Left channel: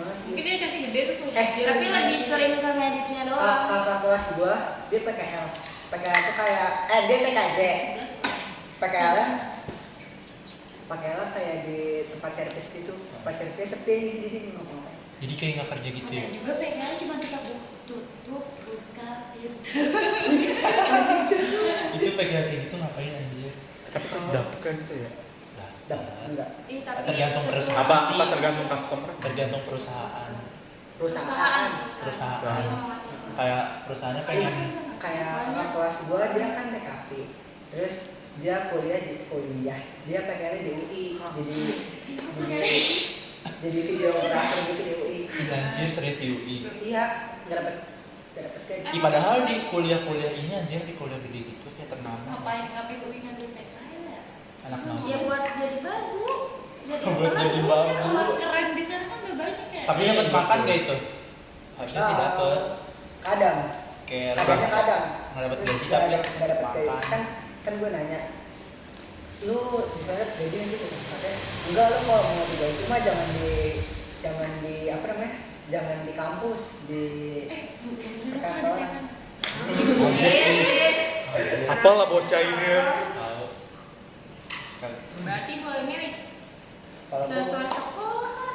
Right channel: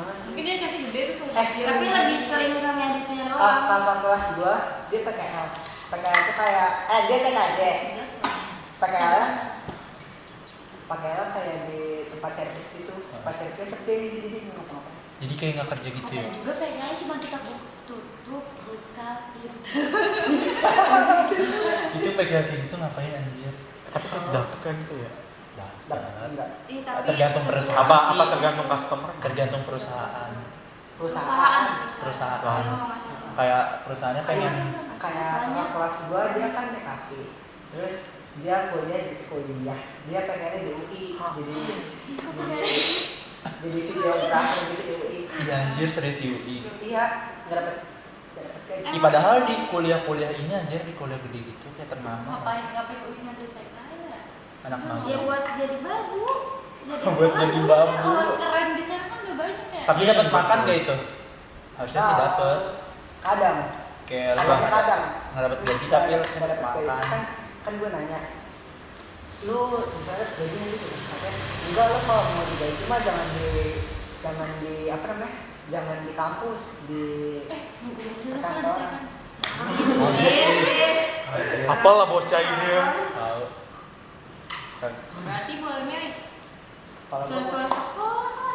Mungkin dia kasih gede tuh sama dia. Tapi lebih sering ke ngeditnya doang. Kakak kelas gua dia PKL. PKL itu kayak dia TKJ. PKL kayak di tempat servis gitu. Tempat servis sepi jadi ngapa-ngapain. Jadi kayak nggak kerja gitu ya? Juga PKL cuma tutup buka pintu. Itu PKL kayak gitu ngapain anjir? Tapi dapat kan itu ya. Dapat enggak? Tergantung perusahaan. Apa tergantung customer? Tergantung perusahaan. Perusahaan. Kayak perusahaannya pengen Kayak kakak kelas gua dia kan DKV. Terus dia kuliah. Dia PKL di UI. Jadi videografer gitu di UI. Iya anjir serius di UI. Iya, nggak dapet gaji. Padahal di kuliah ini anjir di kuliah gede gitu kayak ternama. Ngapain UI ngambil PKL ya? Anak mama. Ya buat jadi babu. Buat jadi babu. Orang keren di sana kan udah banyak ya. Tapi dapat makan gak itu? Harusnya sih dapat. Kadang. Kayak Kadang. nggak dapat gaji tapi harusnya nggak dapat dapet gaji. makan. Kan gue nanya, lu bisa dapet gaji nggak sih? Katanya, enggak, lu kalau mau digaji mah jangan di apa namanya? Jangan di kampus, di perkantoran. Apalah bocah ini ya? Tahu. Berarti boleh merit. Kalau gua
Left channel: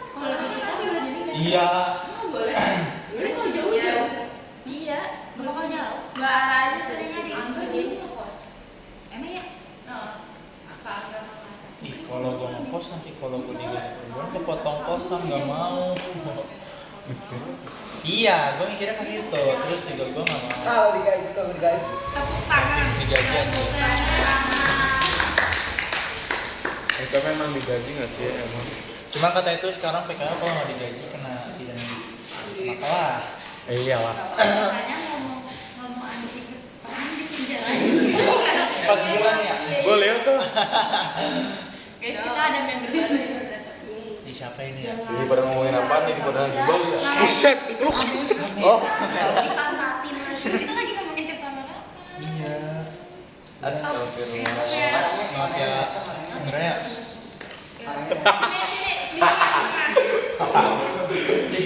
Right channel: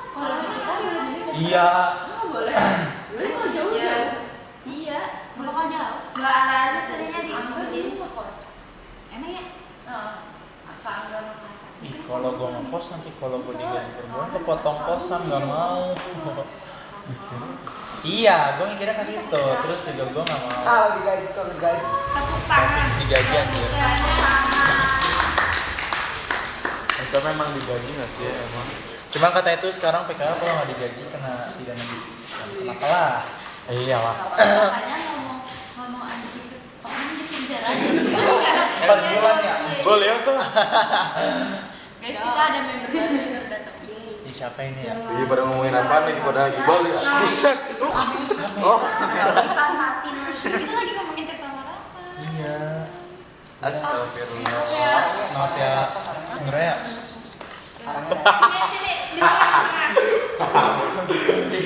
Sekolah kita sebelum ini kan? Iya. Enggak boleh. Boleh kok jauh-jauh. Iya. Enggak bakal jauh. Nggak arah aja seringnya di Angga Angga dia dia ngekos. Emang ya? Apa Angga Makassar? Ih, kalau gue ngekos nanti kalau gue digaji per bulan kepotong kosan nggak mau. Iya, gue mikirnya ke situ. Terus juga gue nggak mau. kalau digaji Nggak fix digaji anjir. Mereka memang digaji nggak sih emang? Cuma kata itu sekarang PKL kalau nggak digaji kena tidak kenapa lah. Iya lah. Katanya ngomong anjing pernah di penjara. 4 bulan ya? Gue lihat tuh. Guys, kita ada member baru yang udah datang. Ih, siapa ini ya? Jadi pada ngomongin apa nih pada lagi bol. Buset, lu. Oh. Dipantatin lagi. Kita lagi ngomongin cerita apa? Iya. Astagfirullah. Maaf ya, sebenarnya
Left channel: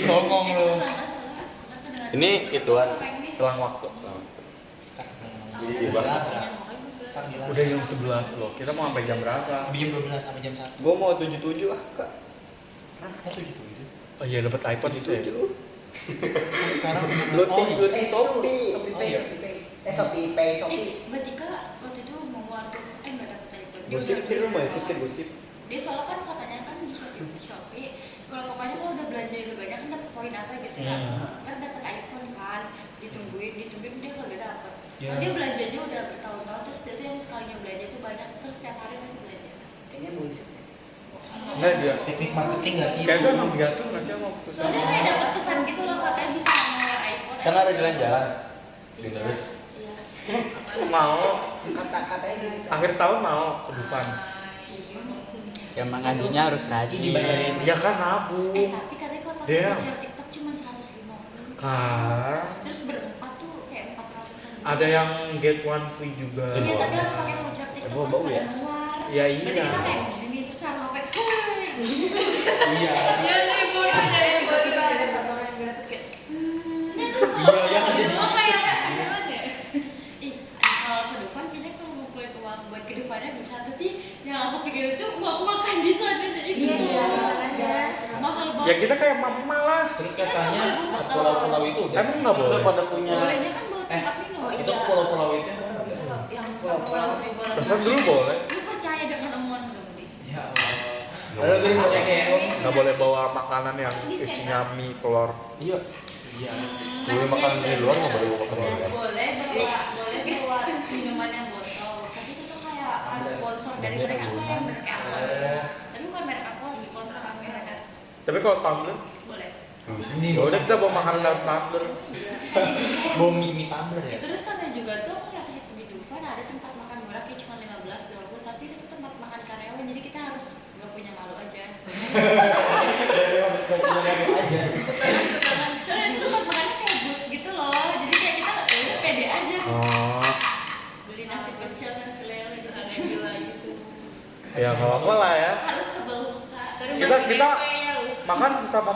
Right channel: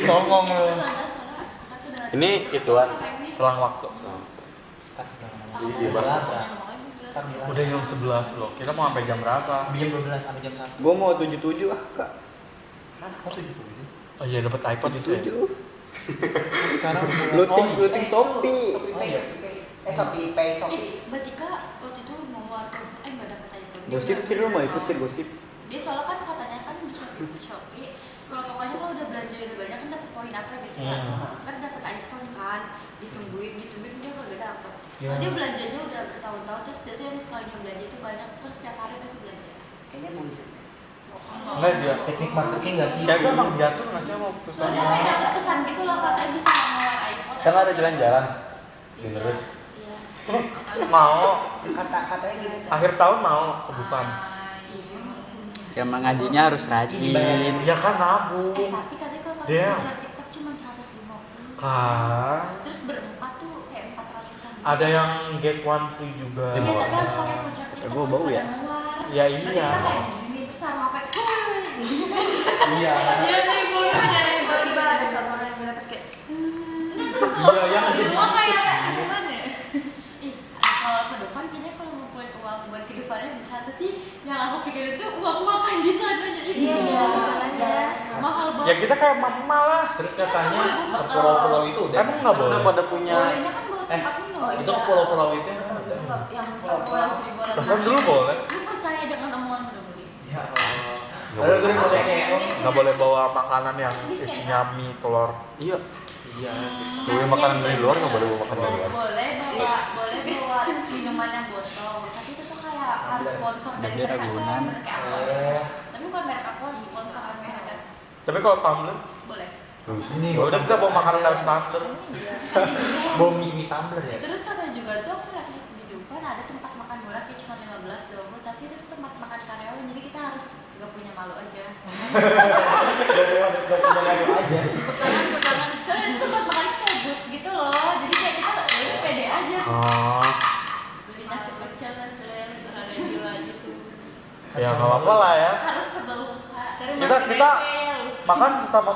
songong lu. Ini ituan selang waktu. Jadi gimana? Udah jam 11 loh. Kita mau sampai jam berapa? Jam 12 sampai jam 1. Gua mau 77 ah, Kak. Oh, 7. Oh iya dapat iPod itu ya. Sekarang Looting Shopee. Shopee Pay. Berarti Kak waktu itu mau ngeluarin nggak dapet iPhone. Gosip sih lu mau ikut ke gosip. Dia soalnya kan katanya kan di Shopee kalau pokoknya kalau udah belanja udah banyak kan dapat poin apa gitu ya. Kan dapat iPhone kan, ditungguin dia kagak dapet. Ya. Dia belanjanya udah bertahun-tahun terus dia tuh yang sekalinya belanja itu banyak terus setiap hari pasti belanja. Kayaknya bullshit. Enggak dia. teknik marketing nggak sih? Kayak gue emang diatur nggak sih sama putusan? Soalnya kayak dapat pesan gitu loh katanya bisa ngeluar iPhone. Kan ada jalan-jalan. Terus Iya. Mau. Katanya gini. Akhir tahun mau ke Dufan. Ya mengajinya harus rajin. Ya kan nabung. Tapi katanya kalau pakai Dia. voucher TikTok cuma 150. Kan. Terus berempat tuh kayak 400-an. Ada yang get one free juga. Iya, tapi harus pakai voucher TikTok. Bau bau ya? Ya Berarti kita iya. kayak gini terus sama apa? iya. Iya nih, gue udah nyari Tiba-tiba ada satu orang yang gue dapet kayak Iya, yang ada Semua kayak jalan ya. ih, kalau ke Dufan kayaknya kalau mau keluar uang buat ke Dufannya bisa, tapi yang aku pikirin tuh uang makan di sana jadi Iya, aja mahal Ya banget. kita kayak mama lah. Terus katanya ke pulau-pulau itu udah. Emang nggak boleh pada punya. Bolehnya kan bawa tempat minum. Itu ke pulau-pulau itu Betul, kan itu udah. yang pulau seribu orang. Bahkan dulu boleh. Lu percaya dengan omongan gue Budi? Ya Allah. Ada dari mau kayak Nggak boleh bawa makanan yang isinya mie, telur. Iya. iya. Boleh makanan dari luar nggak boleh bawa makanan dari luar. Boleh bawa minuman yang botol, tapi itu tuh kayak harus sponsor dari Bendera mereka Gunan. yang merek aku. Eh. Tapi bukan merek aku, harus sponsor mereka. Tapi kalau tumbler, Boleh. Ini ya udah kita bawa makanan dalam tumbler. bom mie tumbler ya. Terus katanya juga tuh aku lihat di Dufan ada tempat makan murah kayak cuma 15-20, tapi itu tuh tempat makan karyawan, jadi kita harus nggak punya malu aja. Harus gak punya lalu aja. Tukeran. Soalnya itu tempat makannya kayak booth gitu loh, jadi kayak kita ya udah pede aja. Oh, Beli nasi pecel, nasi lele gitu. Ada gila gitu. ya nggak apa-apa lah ya. Harus tebel muka. Terus Kita- masih kita- GP ya lu. Makan sesama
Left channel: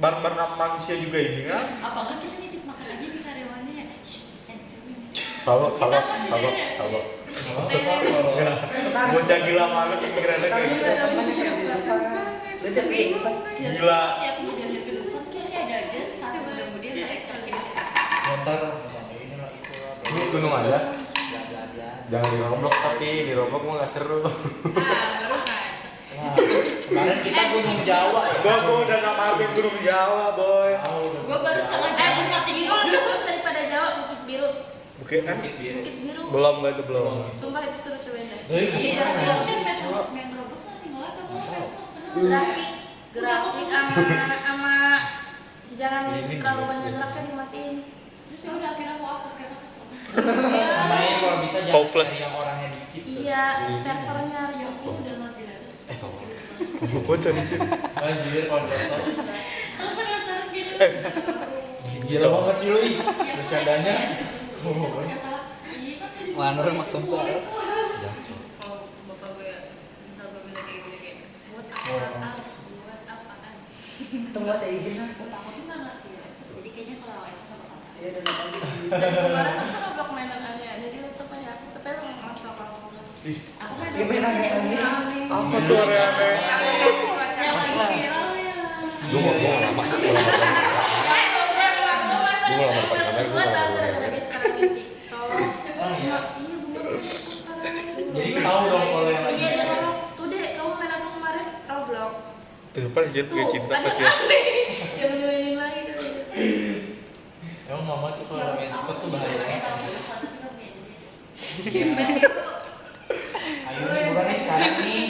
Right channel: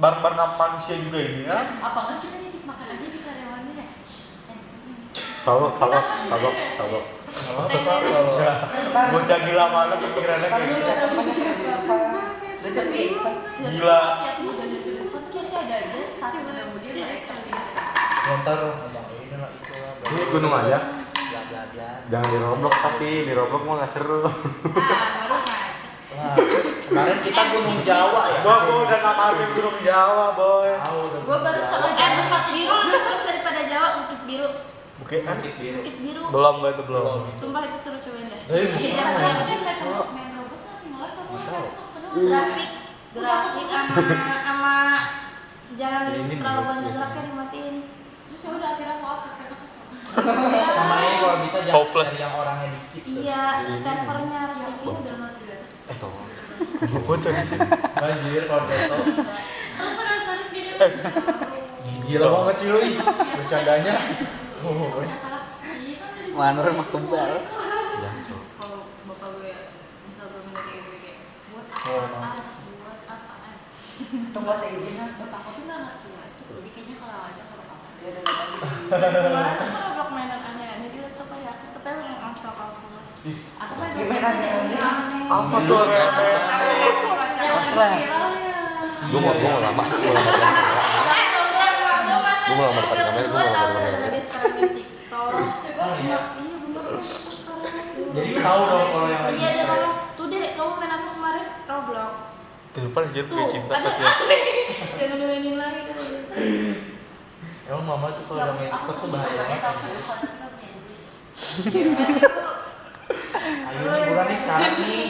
bareng-bareng manusia juga ini kan. Apa enggak kita nitip makan aja di karyawannya ya? Salok. Bocah gila malu pikirannya kayak Kamu gitu. udah temen sih di Dova. Udah Tapi cepet. Gila. tiap mau jalan ke depan tuh pasti ada aja satu mudah-mudahan mereka gitu. Ntar ngomong ini lah itu lah. Ini gunung aja. Bla bla bla. Jangan di Roblox tapi di Roblox mah nggak seru. Baru ngajak. Wah, kemarin kita Gunung Jawa ya. Gua udah nggak maafin gunung Jawa boy. Gua baru setengah jam mati biru lebih seru daripada Jawa Bukit Biru. Bukit kan? Bukit Biru. Bukit Biru. Belum gak itu belum. Sumpah itu seru cobain deh. Iya. Main robot masih ngelek apa grafik sama jangan Ini terlalu nih, banyak biasanya. geraknya dimatiin. Terus ya udah akhirnya aku hapus karena kesel. Sama ini kalau bisa jangan Hopeless. yang orangnya dikit tuh. Iya, servernya harus yang Bom. udah mati udah. Tolong. Gua tadi sih. Anjir kalau beto. Aku penasaran gitu. Gila banget sih lu. Bercandanya. Aku bisa salah. Iya kan dari Mana rumah kebal. Ya, Kalau bapak gue misal gue minta kayak gitu kayak buat Oh. apaan? Buat apaan? Tunggu saya izin lah. buat aku tuh nggak ngerti lah itu. Jadi kayaknya kalau aja nggak apa-apa. Ya udah tadi. Kemarin aku coba mainan aneh jadi laptop ya. Tapi emang langsung kalau terus. Aku main Gimana nih? Apa tuh aneh-aneh? Gua mau lama. Gua lama banget. Gua mau lama depan kamera, gua mau lama depan kamera. Jadi tahu dong kalau yang lagi. Iya, dia ngomong, tuh deh, kamu main apa kemarin? Roblox. Di depan anjir gue cinta ada kasihan. dia mainin lagi. Emang mama tuh kalau main TikTok tuh bahaya banget. Ayo liburan nih sekarang nih.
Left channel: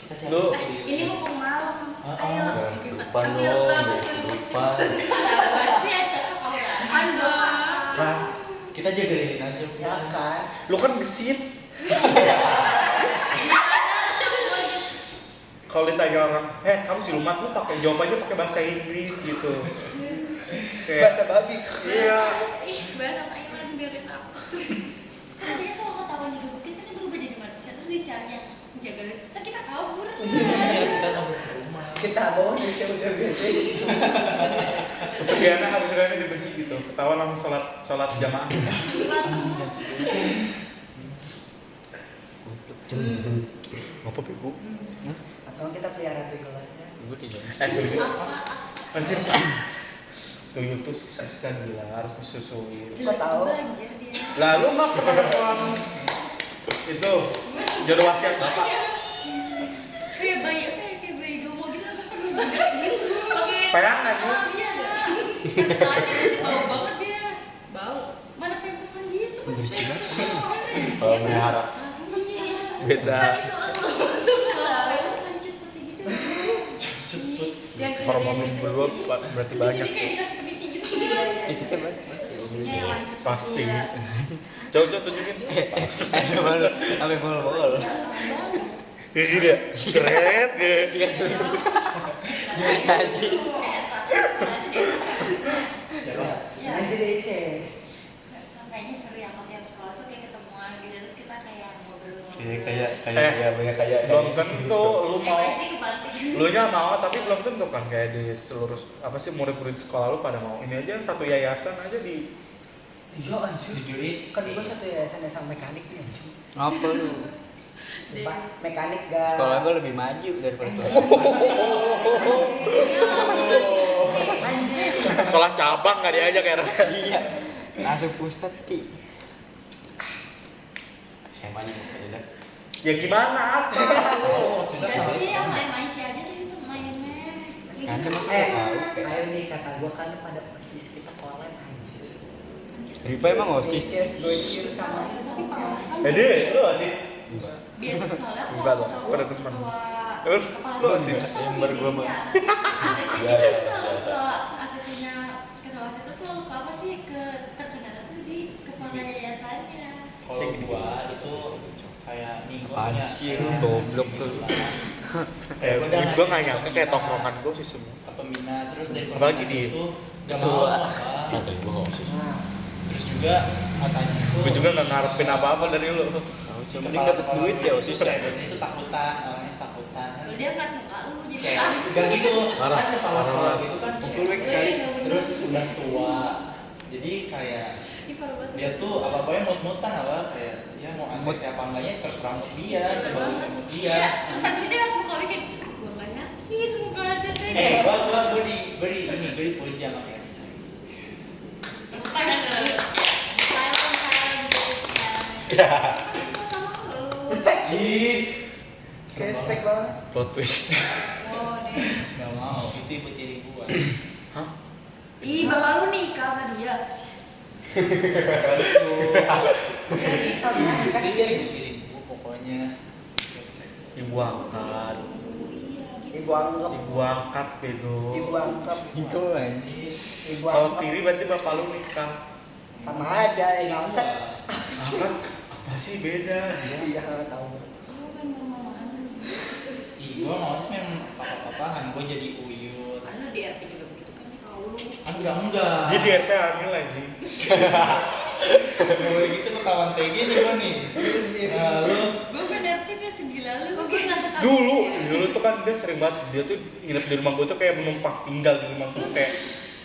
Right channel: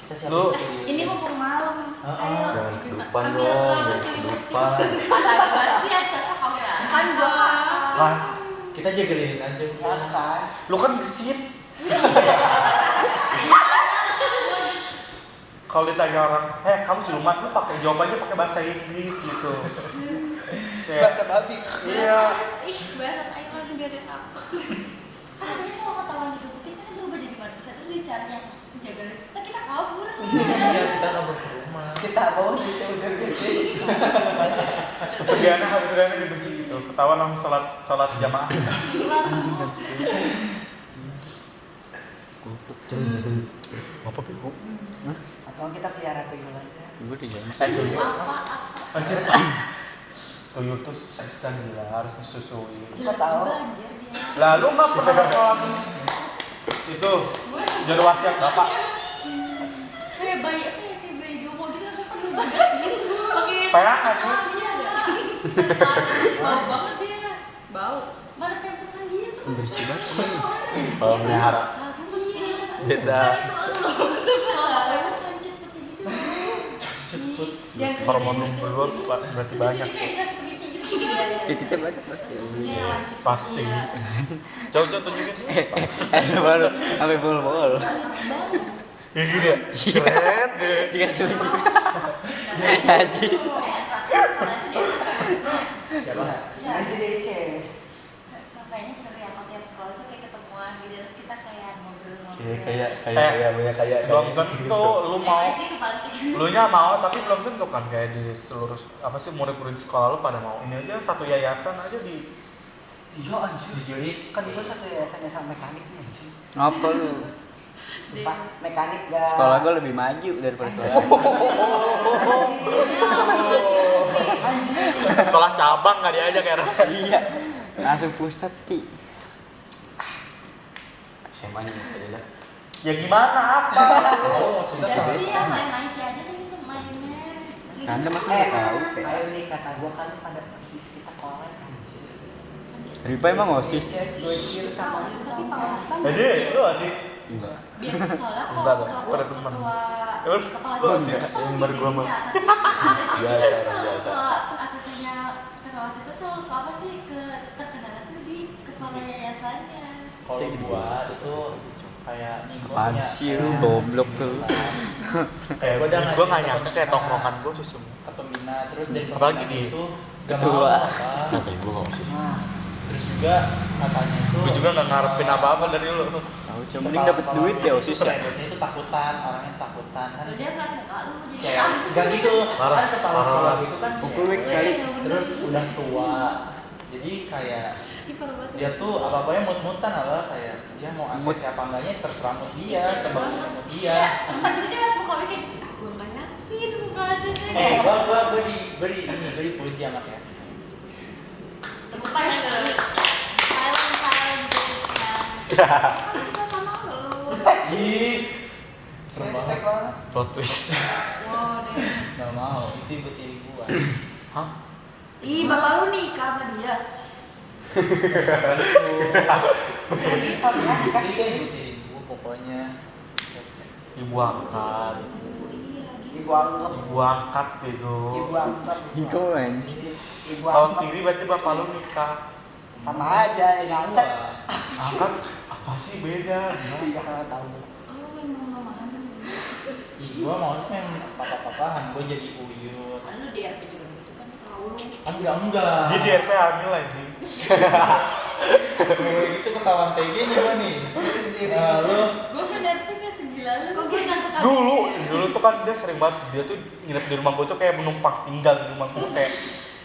Kita siapin Lu- dulu. Ini mau ke malam. Ayo. Jangan kehidupan dong, jangan kehidupan. Kata gua sih ya cocok kamu lah. Kan gua Kan, Kita jagain aja. Ya kan. lu kan gesit. Kalau ditanya orang, kamu siluman, lu pakai jawabannya pakai bahasa Inggris gitu. Bahasa babi. Iya. Ih, bahasa Thailand biar dia takut. katanya kalau ketahuan digebukin kan berubah jadi manusia terus dicarinya menjaga lagi. Terus kita kabur. Iya, kita kabur ke rumah. Kita bawa di udah gede. Kesegiannya hari-harinya di besi gitu. Ketahuan langsung sholat jamaah. Surat semua. Apa bego? Atau kita pelihara tuyul aja. Gue di jalan. Tuyul. Apa? Anjir. Tuyul tuh susah gila, harus disusuin. Kok tahu? Banjir dia. Lalu mah pernah nonton itu jodoh wasiat bapak. Kayak bayi apa ya? Kayak bayi domo gitu aku kan bagas gitu. Pakai Peangan, ya? bisa enggak? Bau banget dia. Bau. Mana pengen pesen gitu Mas? Bersih banget. Kalau melihara. Beda. Hormon lu berdua berarti banyak. Titiknya banyak banget. Pasti. Coba tunjukin. Baru sampai bol-bol. Ini sih dia. Keren gitu. Dikasih Haji. Siapa? Masih DC. Kayaknya seru ya kalau tiap sekolah tuh kayak ketemuan gitu terus kita kayak ngobrol-ngobrol. Kayak belum tentu lu mau. Sih kebanting. Lu nya mau tapi belum tentu kan kayak di seluruh apa sih murid-murid sekolah lu pada mau. Ini aja satu yayasan aja di Iya anjir. Dijuit. Kan gua satu yayasan sama mekanik nih anjir. Apa lu? Sumpah, mekanik gak. Sekolah gue lebih maju daripada kelas. Anjir. sekolah cabang nggak diajak ya. Iya. Langsung pusat ti. SMA nya aja dah. Ya gimana apa? Oh, maksudnya Ya sama. sih ya main-main sih aja tuh itu mainnya. Anda masih nggak tahu kayak. Ayo nih kata gua kan pada persis kita kolab anjir. Ripa emang OSIS? Yes, gojir sama Tapi sistem. Pak Jadi lu asis. Enggak. biar soalnya kalau Enggak dong, ketua gua ada teman. kepala Lu asis. sekolah Yang baru gua mah. asesnya ketua OSIS itu selalu ke apa sih ke terkenal itu di kepala yayasannya. Kalau gua itu kayak nih gua Apaan punya sih kayak lu goblok tuh. Kayak Gua jangan gua nggak jadi nyangka kayak pembina. tongkrongan gua sih semua. ke pembina terus dari Apalagi pembina di- itu gak Ketua. mau apa. Kata gua nggak sih. Nah, Terus juga katanya tuh Gue juga nggak ngarepin apa-apa dari lu. Tahu sih mending dapat duit ya OSIS ya. Kreditnya itu takutan, orangnya takutan kan. Soalnya dia ngeliat muka lu jadi Kayak takut. enggak gitu. Parah, Kan kepala parah. sekolah gitu kan. Pukul cewek. week sekali. Terus udah tua. Jadi kayak Ih, parah banget. dia tuh apa-apanya mut-mutan apa kayak dia mau akses apa enggaknya terserah mood dia, sebagusnya mood dia. Iya, terus habis itu dia ngeliat muka lu kayak gue nggak yakin muka hasilnya. Gue dipuji sama Kes. Tepuk tangan dulu. Silent gitu kan. Kan suka sama lu. Ih, serem Respect banget. banget. Plot twist. Wow, deh. Gak mau, itu ibu ciri gua. Hah? Ih, bapak lu nikah sama dia. Jadi Fabian Iya, dikasih ibu ciri gua pokoknya. Ibu angkat. Oh iya, gitu. ibu anggap, Ibu angkat bego. ibu anggap, Itu anjir. ibu Kalau anggap tiri berarti bapak lu nikah. sama aja yang angkat. Angkat apa sih beda? Iya tahu. Oh, main mama-mamahan. Ih, gua mau sih main papa-papahan, gua jadi uyut. Kan lu di RP juga begitu kan, tahu lu. Enggak. Dia di RP hamil anjing. Gue gitu ketahuan kayak gini gua nih. Nah, lu Gue kan RP kan segila lu. Kok gue nggak suka Dulu tuh kan dia sering banget, dia tuh nginep di rumah gue tuh kayak menumpang tinggal di rumah gue kayak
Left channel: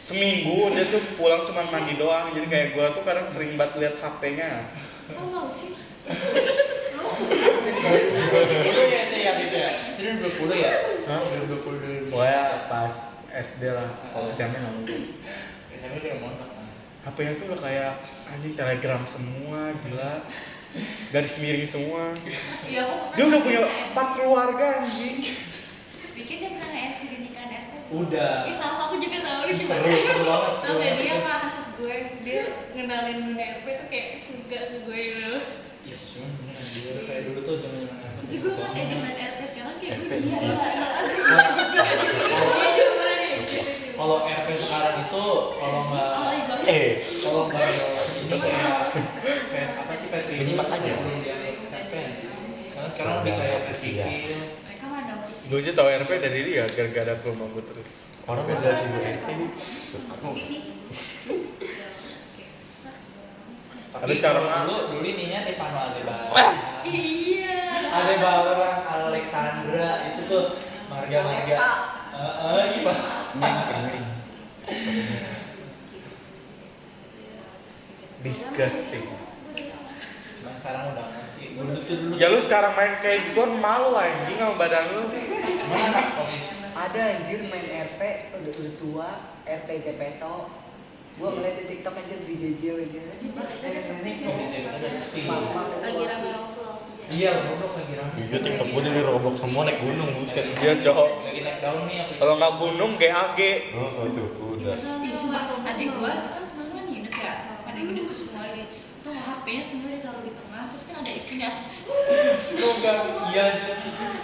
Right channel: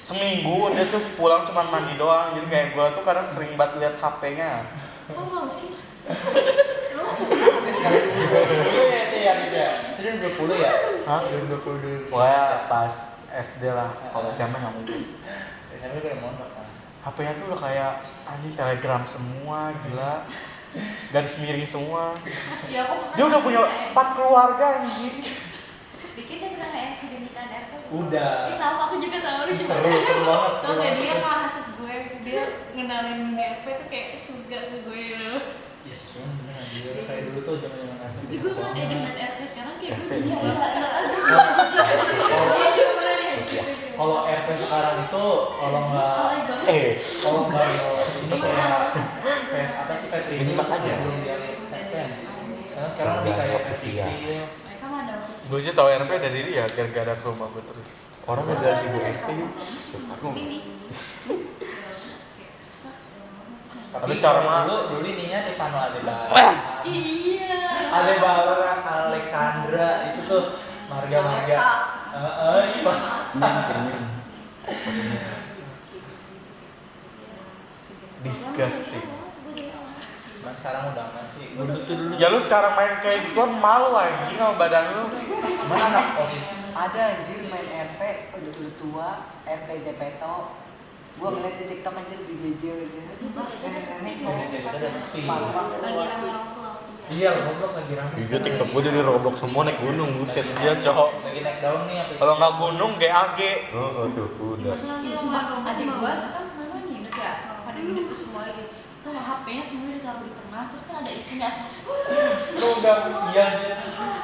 seminggu dia tuh pulang cuma mandi doang, jadi kayak gue tuh kadang sering banget lihat HP-nya. Kok mau sih? dulu ya itu ya gitu ya. Itu 20 ya? Hah? 2020. Pokoknya pas SD lah, kalau SMP nggak mungkin. SMP udah mondok kan. HP-nya tuh udah kayak anjing Telegram semua, gila. Garis miring semua. Iya, aku pernah Dia udah punya nge-MC. 4 keluarga anjing. Bikin dia pernah nge-MC di nikahan RP. Udah. Ih, sama aku juga tahu lu cuma. Seru banget. Tau gak dia ngasih gue, dia ngenalin DRP tuh kayak suga ke gue gitu. Yes, bener anjir. Kayak dulu tuh zaman-zaman ngantuk. Tapi gue ngeliat ya dengan RP sekarang kayak gue RP. gila. Iya, dia bener ya. Kalau RP sekarang itu kalau nggak kalau nggak ini kayak face apa sih face Menyimak aja. Karena sekarang lebih kayak face Iya. gitu. Mereka mah ada office. Gue sih tau RP dari dia gara-gara ke rumah gue terus. Orang Gua beda kan sih bu. mereka. Aku Ini. Tapi sekarang mah- dulu ininya Devano Adebaran. Iya. Adebaran, Alexandra itu tuh marga-marga. Iya. miring. Disgusting. Nah, sekarang udah nggak sih. Dulu tuh dulu. Ya lu sekarang main kayak gituan malu anjing sama badan lu. Mana anak OSIS? Ada anjir main RP udah tua, RP Jepeto. Gua ngeliat di TikTok aja di DJ gitu. Nenek-nenek Udah sepi. Lagi rame orang tua. Iya, goblok lagi rame. Juga TikTok gue dari Roblox semua naik gunung, buset dia cowok. Lagi naik daun nih apa? Kalau nggak gunung GAG. Oh tuh udah. Ih, sumpah, adik gua kan semua nginep ya. Pada nginep tuh semua ini. Tuh HP-nya semua ditaruh di tengah, terus kan ada itunya. Lu udah iya sih.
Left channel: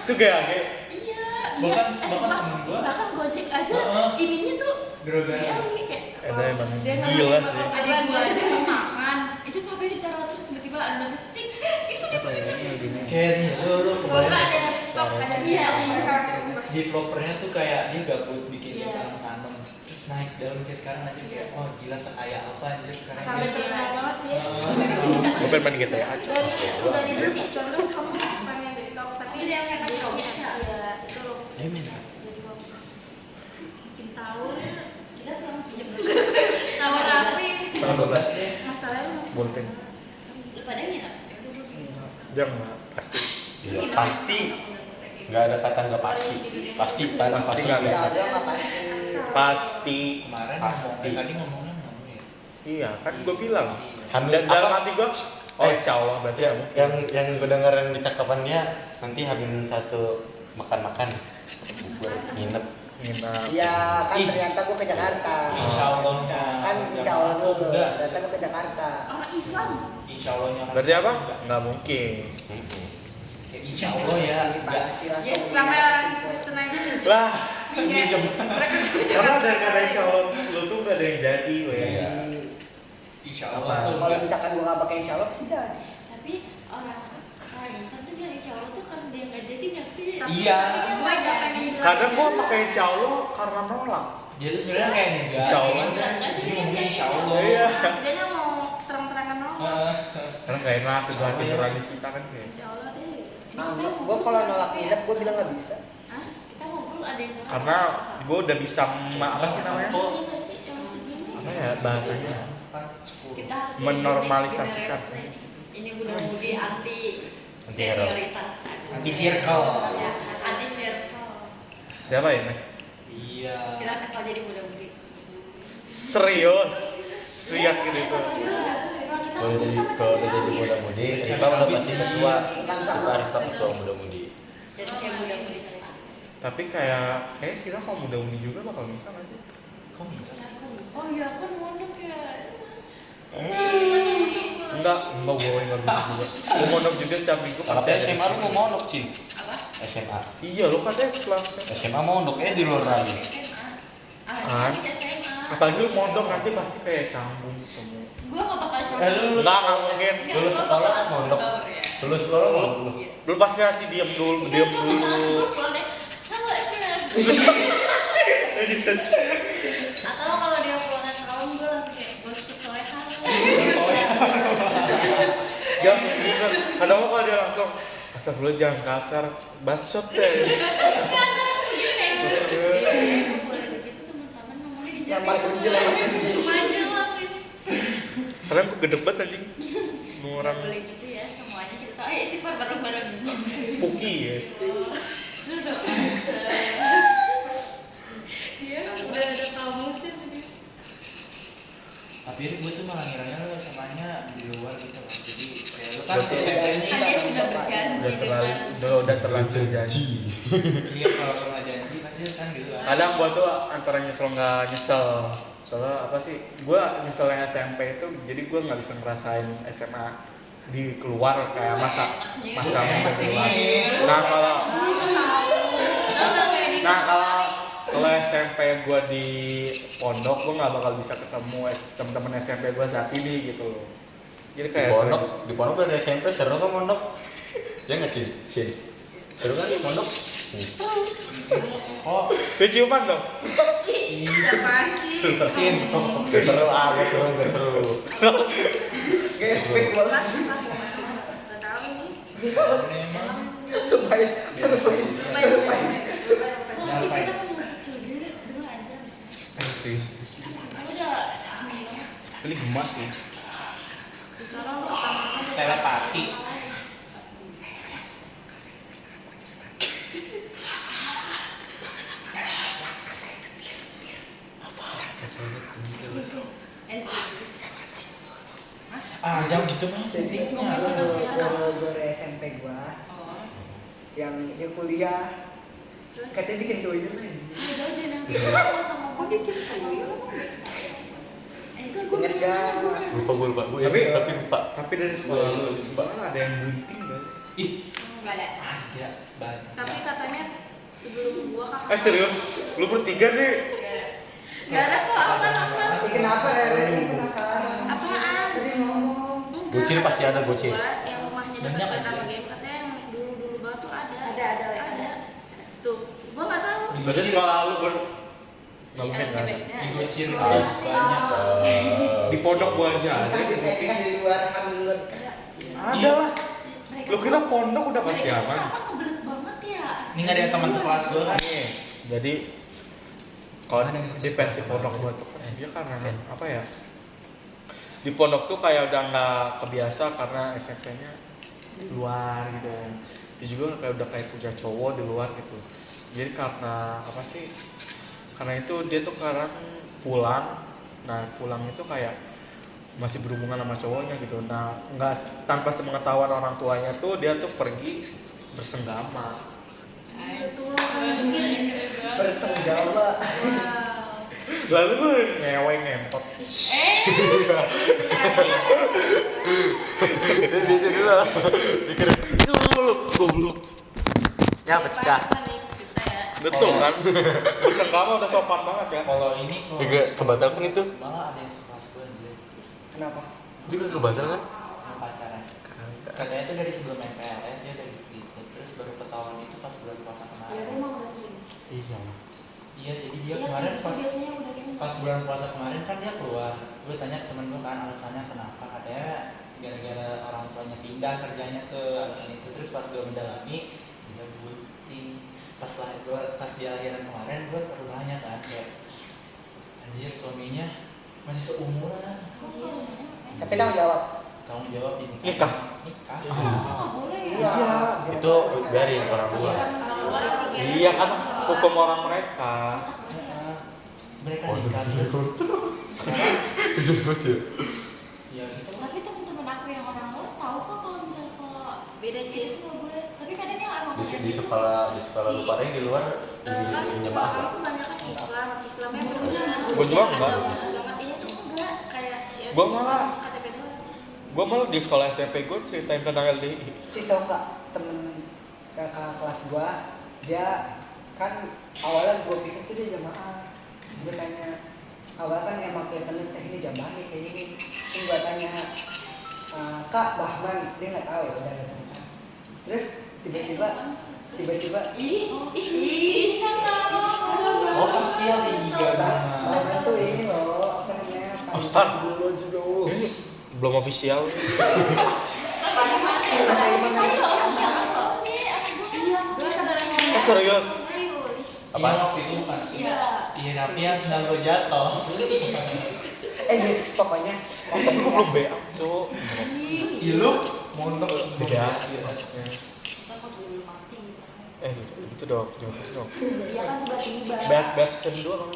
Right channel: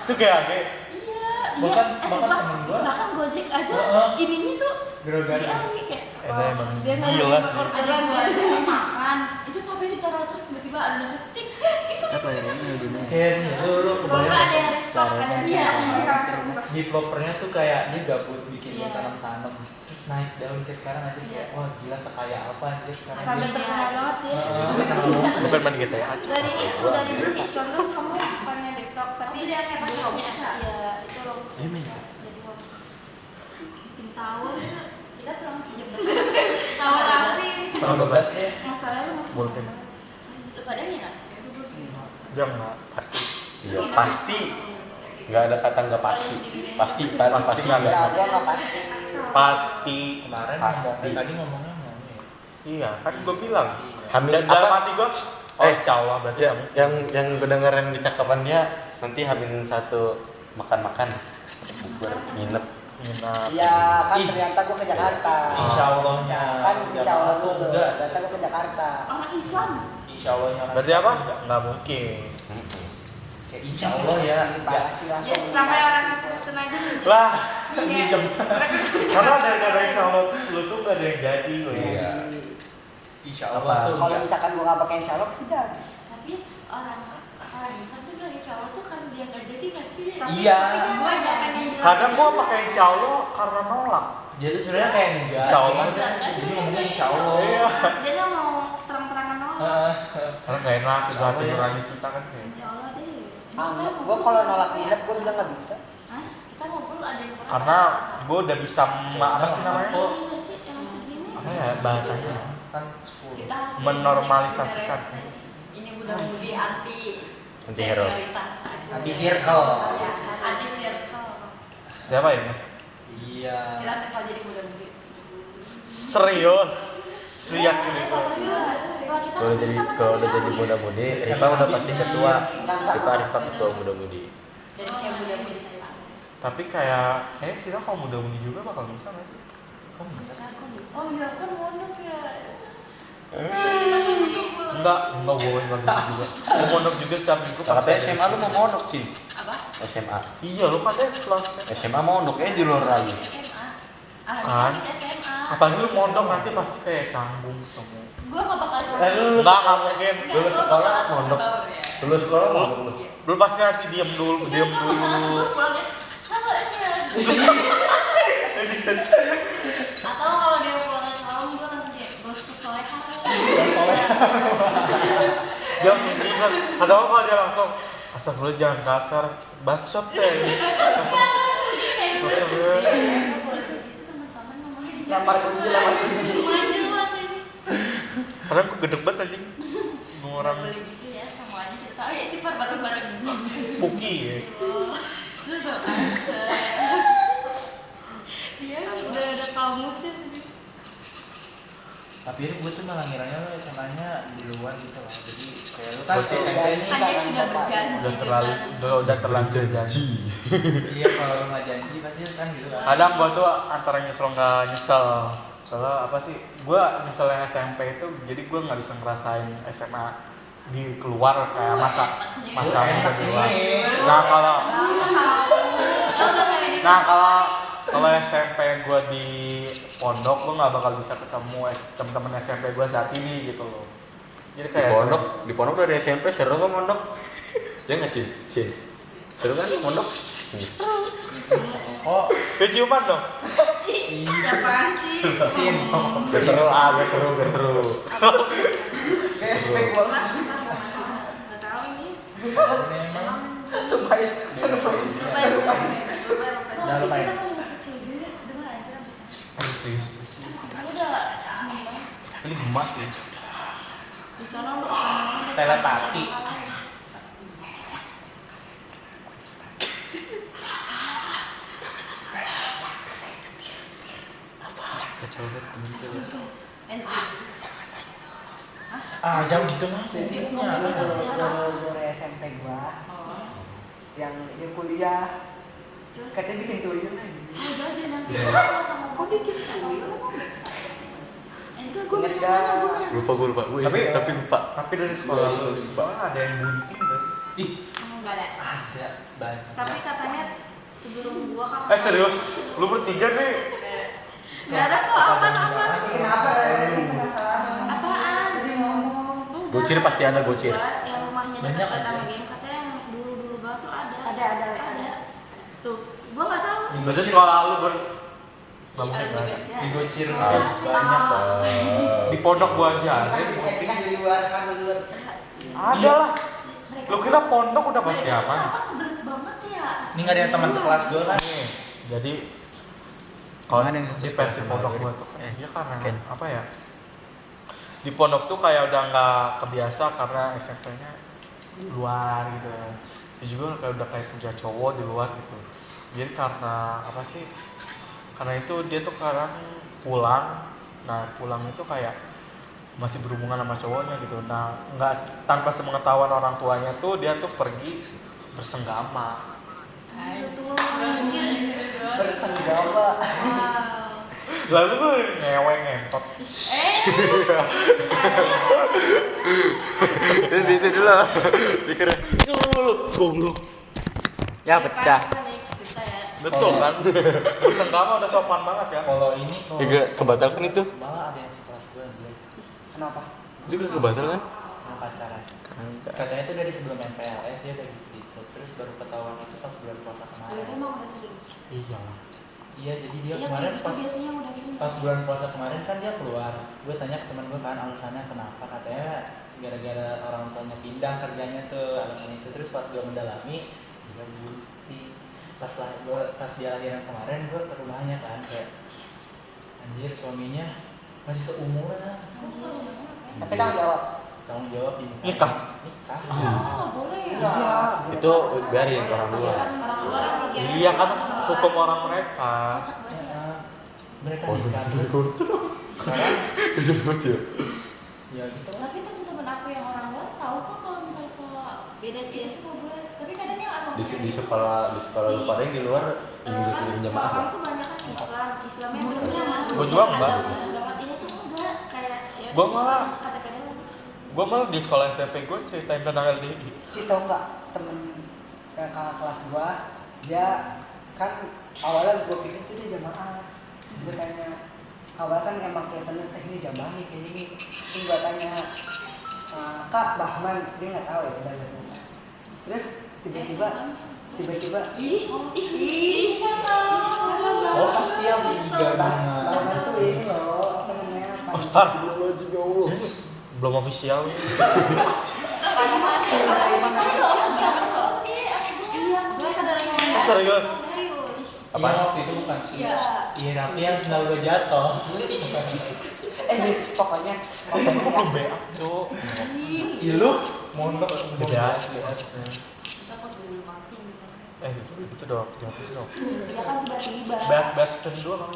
Itu GAG. Iya, Bahkan- iya. bahkan temen gua. Bahkan Gojek aja Heeh. ininya tuh Grogan. di kayak Itu emang Dia nggak gila mau sih. makan. ada gua aja makan. Itu HP ditaruh terus tiba-tiba ada notif tik. Apa ya ini? Kayak nih, lu kebayang Ada yang restock, ada yang Iya. di vloggernya tuh kayak dia gabut bikin Iya. tanam-tanam terus naik daun kayak sekarang aja kayak wah gila sekaya apa anjir sekarang Sampai dia. terkenal banget ya. Gue pengen main GTA. Dari biji contoh kamu bukannya restock tapi Tapi dia yang kayak pas Roblox ya? Iya, itu loh. Gimana? Jadi uang. Bikin tahun, Kita pulang sejam tahun rapi. Tahun 12 ya. Masalahnya Bolpen. Lu pada nggak? Jangan pasti. Iya pasti. Nggak ada kata nggak pasti. Pasti kan Pasti pasti nggak ada. Enggak ada nggak pasti. Pasti. Kemarin Pasti. ngomong tadi ngomongnya ngomong. Iya, kan gue bilang. Hamil Dan dalam apa? hati gue, oh insya Allah berarti Ya, kamu. yang kedengaran di cakapannya nanti hamil satu makan-makan bubur nginep. Nginap. Iya kan Ih. ternyata gua ke Jakarta. Insya Allahnya. Kan insya Allah Jamaah dulu. enggak. Ternyata gua ke Jakarta. Orang Islam. Insya Allahnya. Berarti apa? Nggak mungkin. Kayak insya Allah ya. Pasti langsung. Yes, sampai orang Kristen aja. Lah, Minjem. karena ada yang kata insya Allah lu tuh nggak ada yang jadi. Iya. Insya Allah tuh. Kalau enggak. misalkan gua nggak pakai insya Allah pasti jadi. Tapi orang Islam tuh dari cowok tuh karena dia nggak jadi nggak sih? Iya. Tapi gua jadi. Kadang gua pakai insya Allah karena nolak. Dia tuh sebenarnya kayak enggak. Insya Allah. cuman Jadi ngomongnya insya Allah. Iya. Dia nggak mau Karena nggak enak tiduran di kita kan kayak. Insya Allah deh. Gua kalau nolak nginep gua bilang nggak bisa. Hah? Kita ngobrol ada yang kurang. Karena gue udah bisa apa sih namanya? Ini nggak sih yang segini? Apa ya bahasanya? Kan 10. Kita harus Menormalisasikan. ini mudah-mudi anti Anti-hero. sterilitas. Anti circle. Anti circle. Siapa ini? Iya. Kita bakal jadi mudah-mudi. Serius? Siyakin itu. Kalau udah jadi muda-mudi, Rifa udah pasti ketua. Kita Rifa ketua muda-mudi. Jadi kayak mudah-mudi cepat. Tapi kayak kita kalau muda-mudi juga bakal bisa nggak sih? Kok bisa sih? Oh iya kan mondok ya. Enggak gue nggak gitu juga. Gue mondok juga setiap minggu. Tapi pasti ada SMA lu di mau sini. mondok sih. Apa? SMA. Iya lu katanya kelas. SMA mondok di luar lagi. SMA. Kan? SMA. Apalagi lu mondok nanti pasti kayak canggung ketemu. Gua nggak bakal lu Enggak mungkin. Lulus sekolah mondok. Lulus sekolah mondok lu. Lu pasti nanti diam dulu. Atau kalau dia pulang salam gue langsung kayak ghost soleha. Dia mungkin kan. Padahal kalau dia langsung astagfirullah jangan kasar, bacot deh. Lempar kunci. Maju waktu ini. Padahal gue gede banget anjing. Orang Boleh gitu ya semuanya kita. Ayo sih bareng-bareng. Puki ya. Terus apa? Dia udah ada kamusnya tadi. Tapi gue tuh malah ngiranya lu SMA-nya di luar gitu lah. Jadi kayak lu kan Betul. SMP ini Kan dia sudah berjanji Udah terlanjur janji. iya kalau lu nggak janji pasti kan gitu kan. Kadang gua tuh antara nyesel nggak nyesel. Soalnya apa sih? Gua nyeselnya SMP itu jadi gua nggak bisa ngerasain SMA di keluar kayak masa muda keluar. Nah kalau SMP gua di pondok gua nggak bakal bisa ketemu teman-teman SMP gua saat ini gitu loh. Jadi kayak Di pondok udah ada SMP, seru kok mondok. Ya nggak Cin? Seru kan mondok? Oh, dia ciuman dong. Apaan sih? Gak seru, gak seru. Kayak spek banget. Nggak tahu nih. ini emang Baik. Jangan lupain. Kita mau kecil dulu dengar aja abisnya. Kita udah Ini emas sih. Di sana lu apa? Telepati. Jauh gitu mah. Jadi guru SMP gua Oh. yang dia kuliah katanya bikin tuyul lagi. Udah aja nanti kalau sama gua bikin tuyul emang bisa. Enggak gua Ingat pernah nanya, gua dah. pernah Lupa gue lupa. Tapi lupa. Tapi dari sekolah lu sekolah ada yang bunting kan? Ih, Enggak ada. ada banyak. Tapi katanya sebelum gua kan. Serius? Lu bertiga nih? Enggak ada kok aman-aman. Ini kenapa Rere? Ini penasaran. Apaan? Sering ngomong. Gocir pasti ada gocir. Yang rumahnya Banyak dekat aja. lagi katanya yang dulu banget tuh ada. Ada. Tuh, gua nggak tahu. Berarti sekolah lu nggak mungkin Ada kan? base-nya. Di Gocir Oh. banyak. Di pondok gua aja ada. Kan di luar kami luar. Ada lah. Lu kira pondok udah pasti Mereka apa? kenapa kebelet banget ya? Ini nggak ada teman sekelas gue kan? Nih, jadi kalau di versi pondok gua tuh kan dia karena apa ya? Di pondok tuh kayak udah nggak kebiasa karena SMP-nya luar gitu kan. Dia juga kayak udah kayak punya cowok di luar gitu. Jadi karena apa sih? Karena itu dia tuh sekarang pulang. Nah pulang itu kayak masih berhubungan sama cowoknya gitu. Nah nggak tanpa sepengetahuan orang tuanya tuh dia tuh pergi bersenggama. Bersenggama. Lalu gue ngewe ngentot. Itu dulu. Pikir goblok. Ya pecah. Kita ya. Betul kan? Bersenggama udah sopan banget ya. Kalau ini kalau Juga kebatal kan itu? malah ada yang sekelas gue aja Kenapa? Juga kebatal kan? mau pacaran. Katanya itu dari sebelum MPLS dia udah gitu. Terus baru ketahuan itu pas bulan puasa Berarti kemarin. emang udah sering. Iya lah. Iya, jadi dia Iya, kemarin kayak gitu pas biasanya udah gitu. pas bulan puasa kemarin kan dia keluar. Gue tanya ke temen gue kan alasannya kenapa, katanya gara-gara orang tuanya pindah kerjanya tuh, alasan itu. Terus pas gue mendalami, dia bukti pas dia lahiran kemarin gue terulahnya kan kayak anjir suaminya masih seumuran. Kamu ke rumahnya ngapain? Tapi tanggung jawab. Tanggung jawab ini Nikah? Nikah. Harusnya nggak boleh ya. Iya. Itu biarin orang luar. Orang luar lagi Iya kan hukum orang mereka. Kocak banget ya. Mereka Oh, nikah gitu. terus sekarang Disebut ya. ya gitu. Tapi temen-temen aku yang orang luar tuh tahu kok kalau misalnya kalau beda itu sih. nggak boleh. Tapi kadang yang orang Di sekolah lu paling di luar Kan di sekolah jamaah kamu lah. tuh banyak kan Islamnya Gurunya mah. Gua juga enggak. banget ini tuh enggak kayak ya Gua malah KTP doang. Gue malah di sekolah SMP gue ceritain tentang LDI. Itu enggak temen kakak kelas gua, dia kan awalnya gua pikir tuh dia jamaah. Gua tanya, awalnya kan emang kayak bener ini jamaah nih kayak gini. Terus gua tanya, Kak Bahman, dia nggak tahu ya udah gitu. Terus tiba-tiba ih kan tahu. Oh pasti yang di Bahman tuh ini loh, apa namanya? Oscar. Dulu juga Allah. Ini belum official. Mana-mana ya. Emang namanya siapa? Gue sadar Oh, serius? Serius. Apa? Iya waktu itu bukan sih. Iya. Iya tapi yang sendal gue jatuh. Gitu, pokoknya Tapi gue belum BA, cuk. Iya lu mondok BA. Kita mau dulu mati. Itu dong, jangan itu dong. Iya kan tiba-tiba. Bad season 2 kan.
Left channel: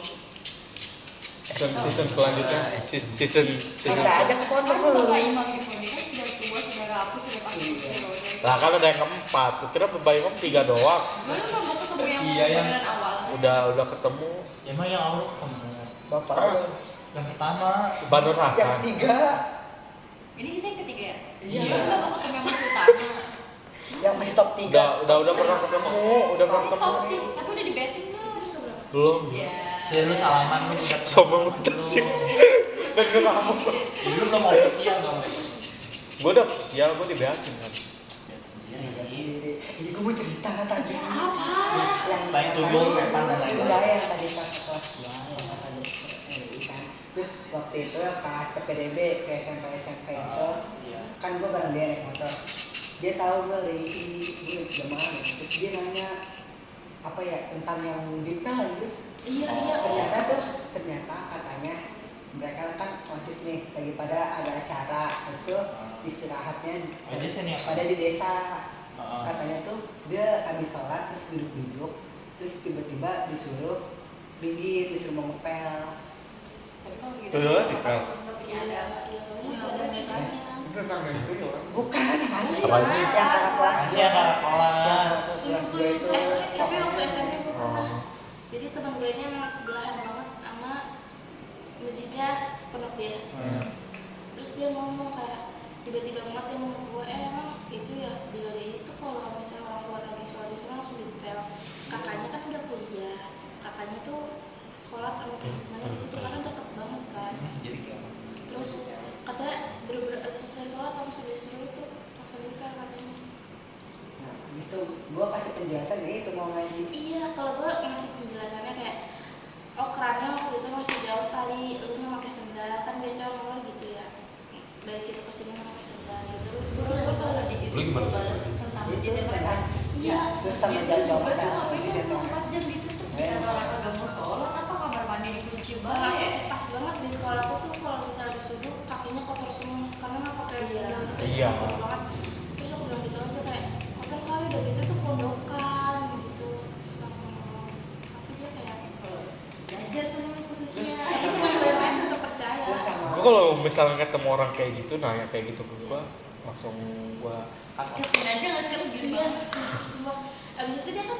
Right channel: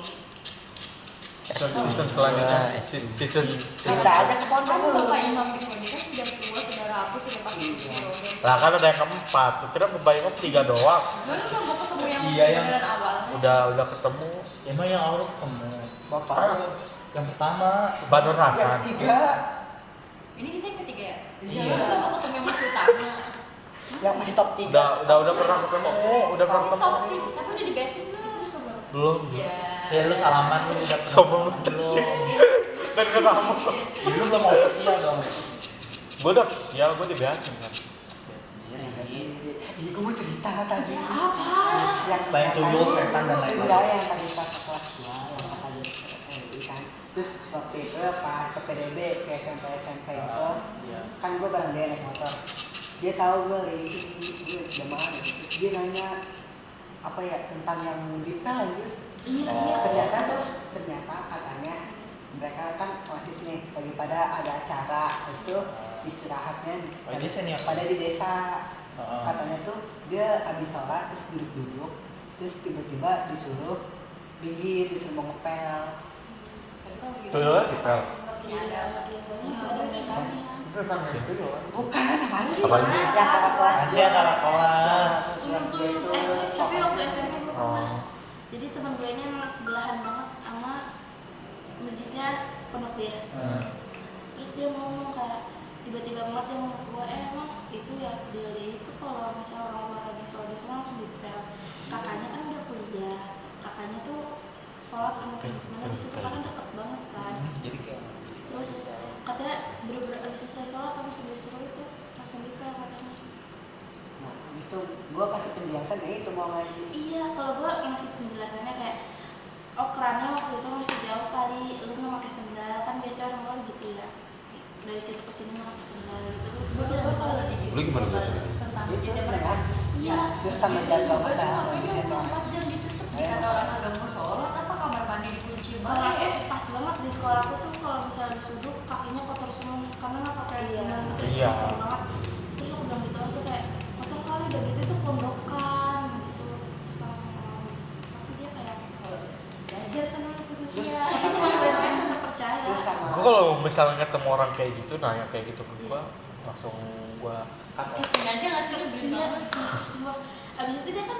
Season selanjutnya, season kita aja ke pondok Kan dulu. Bapak Imam Bifoni kan sudah tua, saudara aku sudah pasti lah kan ada yang keempat. Lu kira Bapak Imam 3 doang. Mana nggak ketemu yang Iya, yang- panggilan awal? Udah ketemu Emang yang awal ketemu. Bapak Yang pertama Banur yang Hasan. ketiga Ini kita yang ketiga ya? Iya. Lu nggak mau ketemu yang masih utama. yang masih top 3. Udah pernah ketemu, udah pernah Kamu ketemu. tahu sih, tapi udah di backing belum? Belum. Ya. saya lu salaman lu udah Sombong banget sih. Dan ketemu. Lu belum official dong Rick. Gue udah official, gue di BA kan. Ini gue mau cerita tadi. Ya, apa? Yang Selain tuyul, setan, dan lain-lain. Enggak, yang tadi pas kelas 2 yang tadi kan. Terus waktu itu pas ke PDB ke SMP itu Iya. kan gue bareng dia naik motor. Dia tahu gue ini jamaah gitu. Terus dia nanya apa ya tentang yang detail aja. Iya. Ternyata katanya mereka kan osis nih lagi pada ada acara itu istirahatnya Oh, dia senior. pada di desa. Heeh. Katanya tuh dia habis sholat terus duduk terus tiba-tiba disuruh disuruh mau ngepel. Tuyulnya si Pel. Iya. Masih ada nikahnya. Bukan apaan sih? Apaan sih? Yang kakak kelas Masih yang kakak kelas. kelas gue itu Tapi waktu SMP gue Oh. pernah. Jadi teman gue ini anak sebelahan banget sama masjidnya pondok dia. Terus dia ngomong kayak tiba-tiba banget dia ngomong ke gue, emang itu ya dia itu kalau misalnya orang luar lagi sholat di sana langsung dipel. Kakaknya kan udah kuliah, kakaknya tuh sekolah mana di situ kan deket banget kan. Terus katanya bener-bener abis selesai sholat langsung disuruh itu langsung dipel katanya. Nah, habis itu gue kasih penjelasan ya itu mau ngaji. Iya, kalau gue ngasih penjelasannya kayak oh kerannya waktu itu masih jauh kali, lu nggak pakai sendal kan biasanya orang luar gitu ya. Dari situ ke sini nggak pakai sendal gitu. Gue udah tahu lagi gitu. Lu gimana Bahas tuh? tentang Itu masjid udah ngaji. Iya. Terus sama jadwal Tapi makan. ngapain Bisa 24 jam ditutup? Kata orang agak mau sholat apa kamar mandi dikunci Karena banget? aku pas banget di sekolah aku tuh kalau misalnya disuduh kakinya kotor semua karena nggak pakai sendal gitu. Iya. Kotor banget. Terus aku bilang gitu aja kayak kotor kali udah gitu tuh pondokan gitu. Terus langsung mau. Tapi dia kayak Belajar sana lu khususnya. tapi teman gue yang lain nggak percaya. Terus sama Gue kalau misalnya ketemu orang kayak gitu, nanya kayak gitu ke gue, langsung gue Sengaja nggak sih kesini? Iya, semua. Abis itu dia kan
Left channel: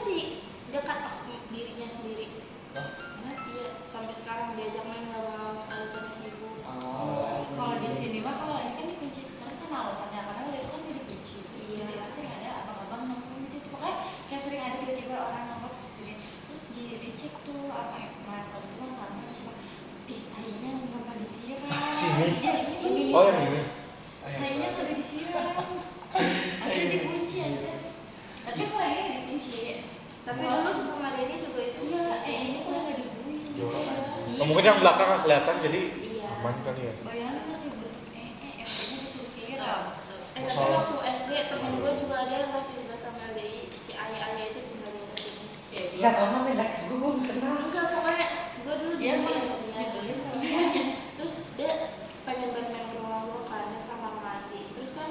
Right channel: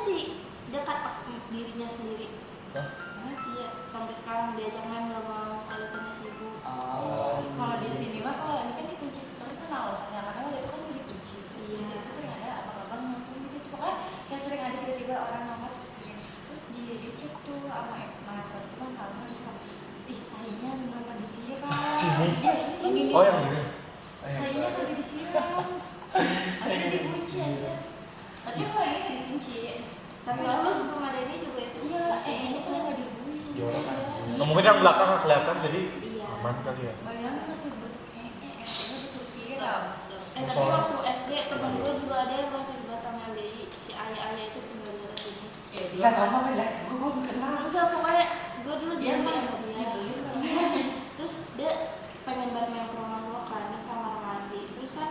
dia cut off dirinya sendiri. Iya, sampai sekarang diajak main nggak mau, alasannya sibuk. Kalau di sini mah kalau ini kan dikunci terus kan alasannya karena waktu itu kan gue dikunci. Iya. Itu sering ada abang-abang nongkrong di situ. Pokoknya kayak sering ada tiba-tiba orang nongkrong terus gini. Terus dicek tuh apa mana foto itu masalahnya terus kayak, ih tahinya kenapa disiram? Sini? Iya, ini. oh yang ini. Tahinya kagak disiram. Akhirnya dikunci aja. Tapi kalau ini nggak dikunci. Tapi dulu sebelum ada ini juga itu. Iya, ini tuh nggak mungkin yang belakang nggak kelihatan jadi Iya. aman kali ya. Bayangin masih bentuk efeknya disuruh siram. Tapi waktu SD temen gue juga ada yang rasis Batangan dari si ayah itu tinggal di daerah sini. Ya dia Enggak tahu apa dah. Gue kenal. Udah pokoknya gue dulu dia dia mah dia. Terus dia pengen banget main ke rumah gue karena kamar mandi. Terus kan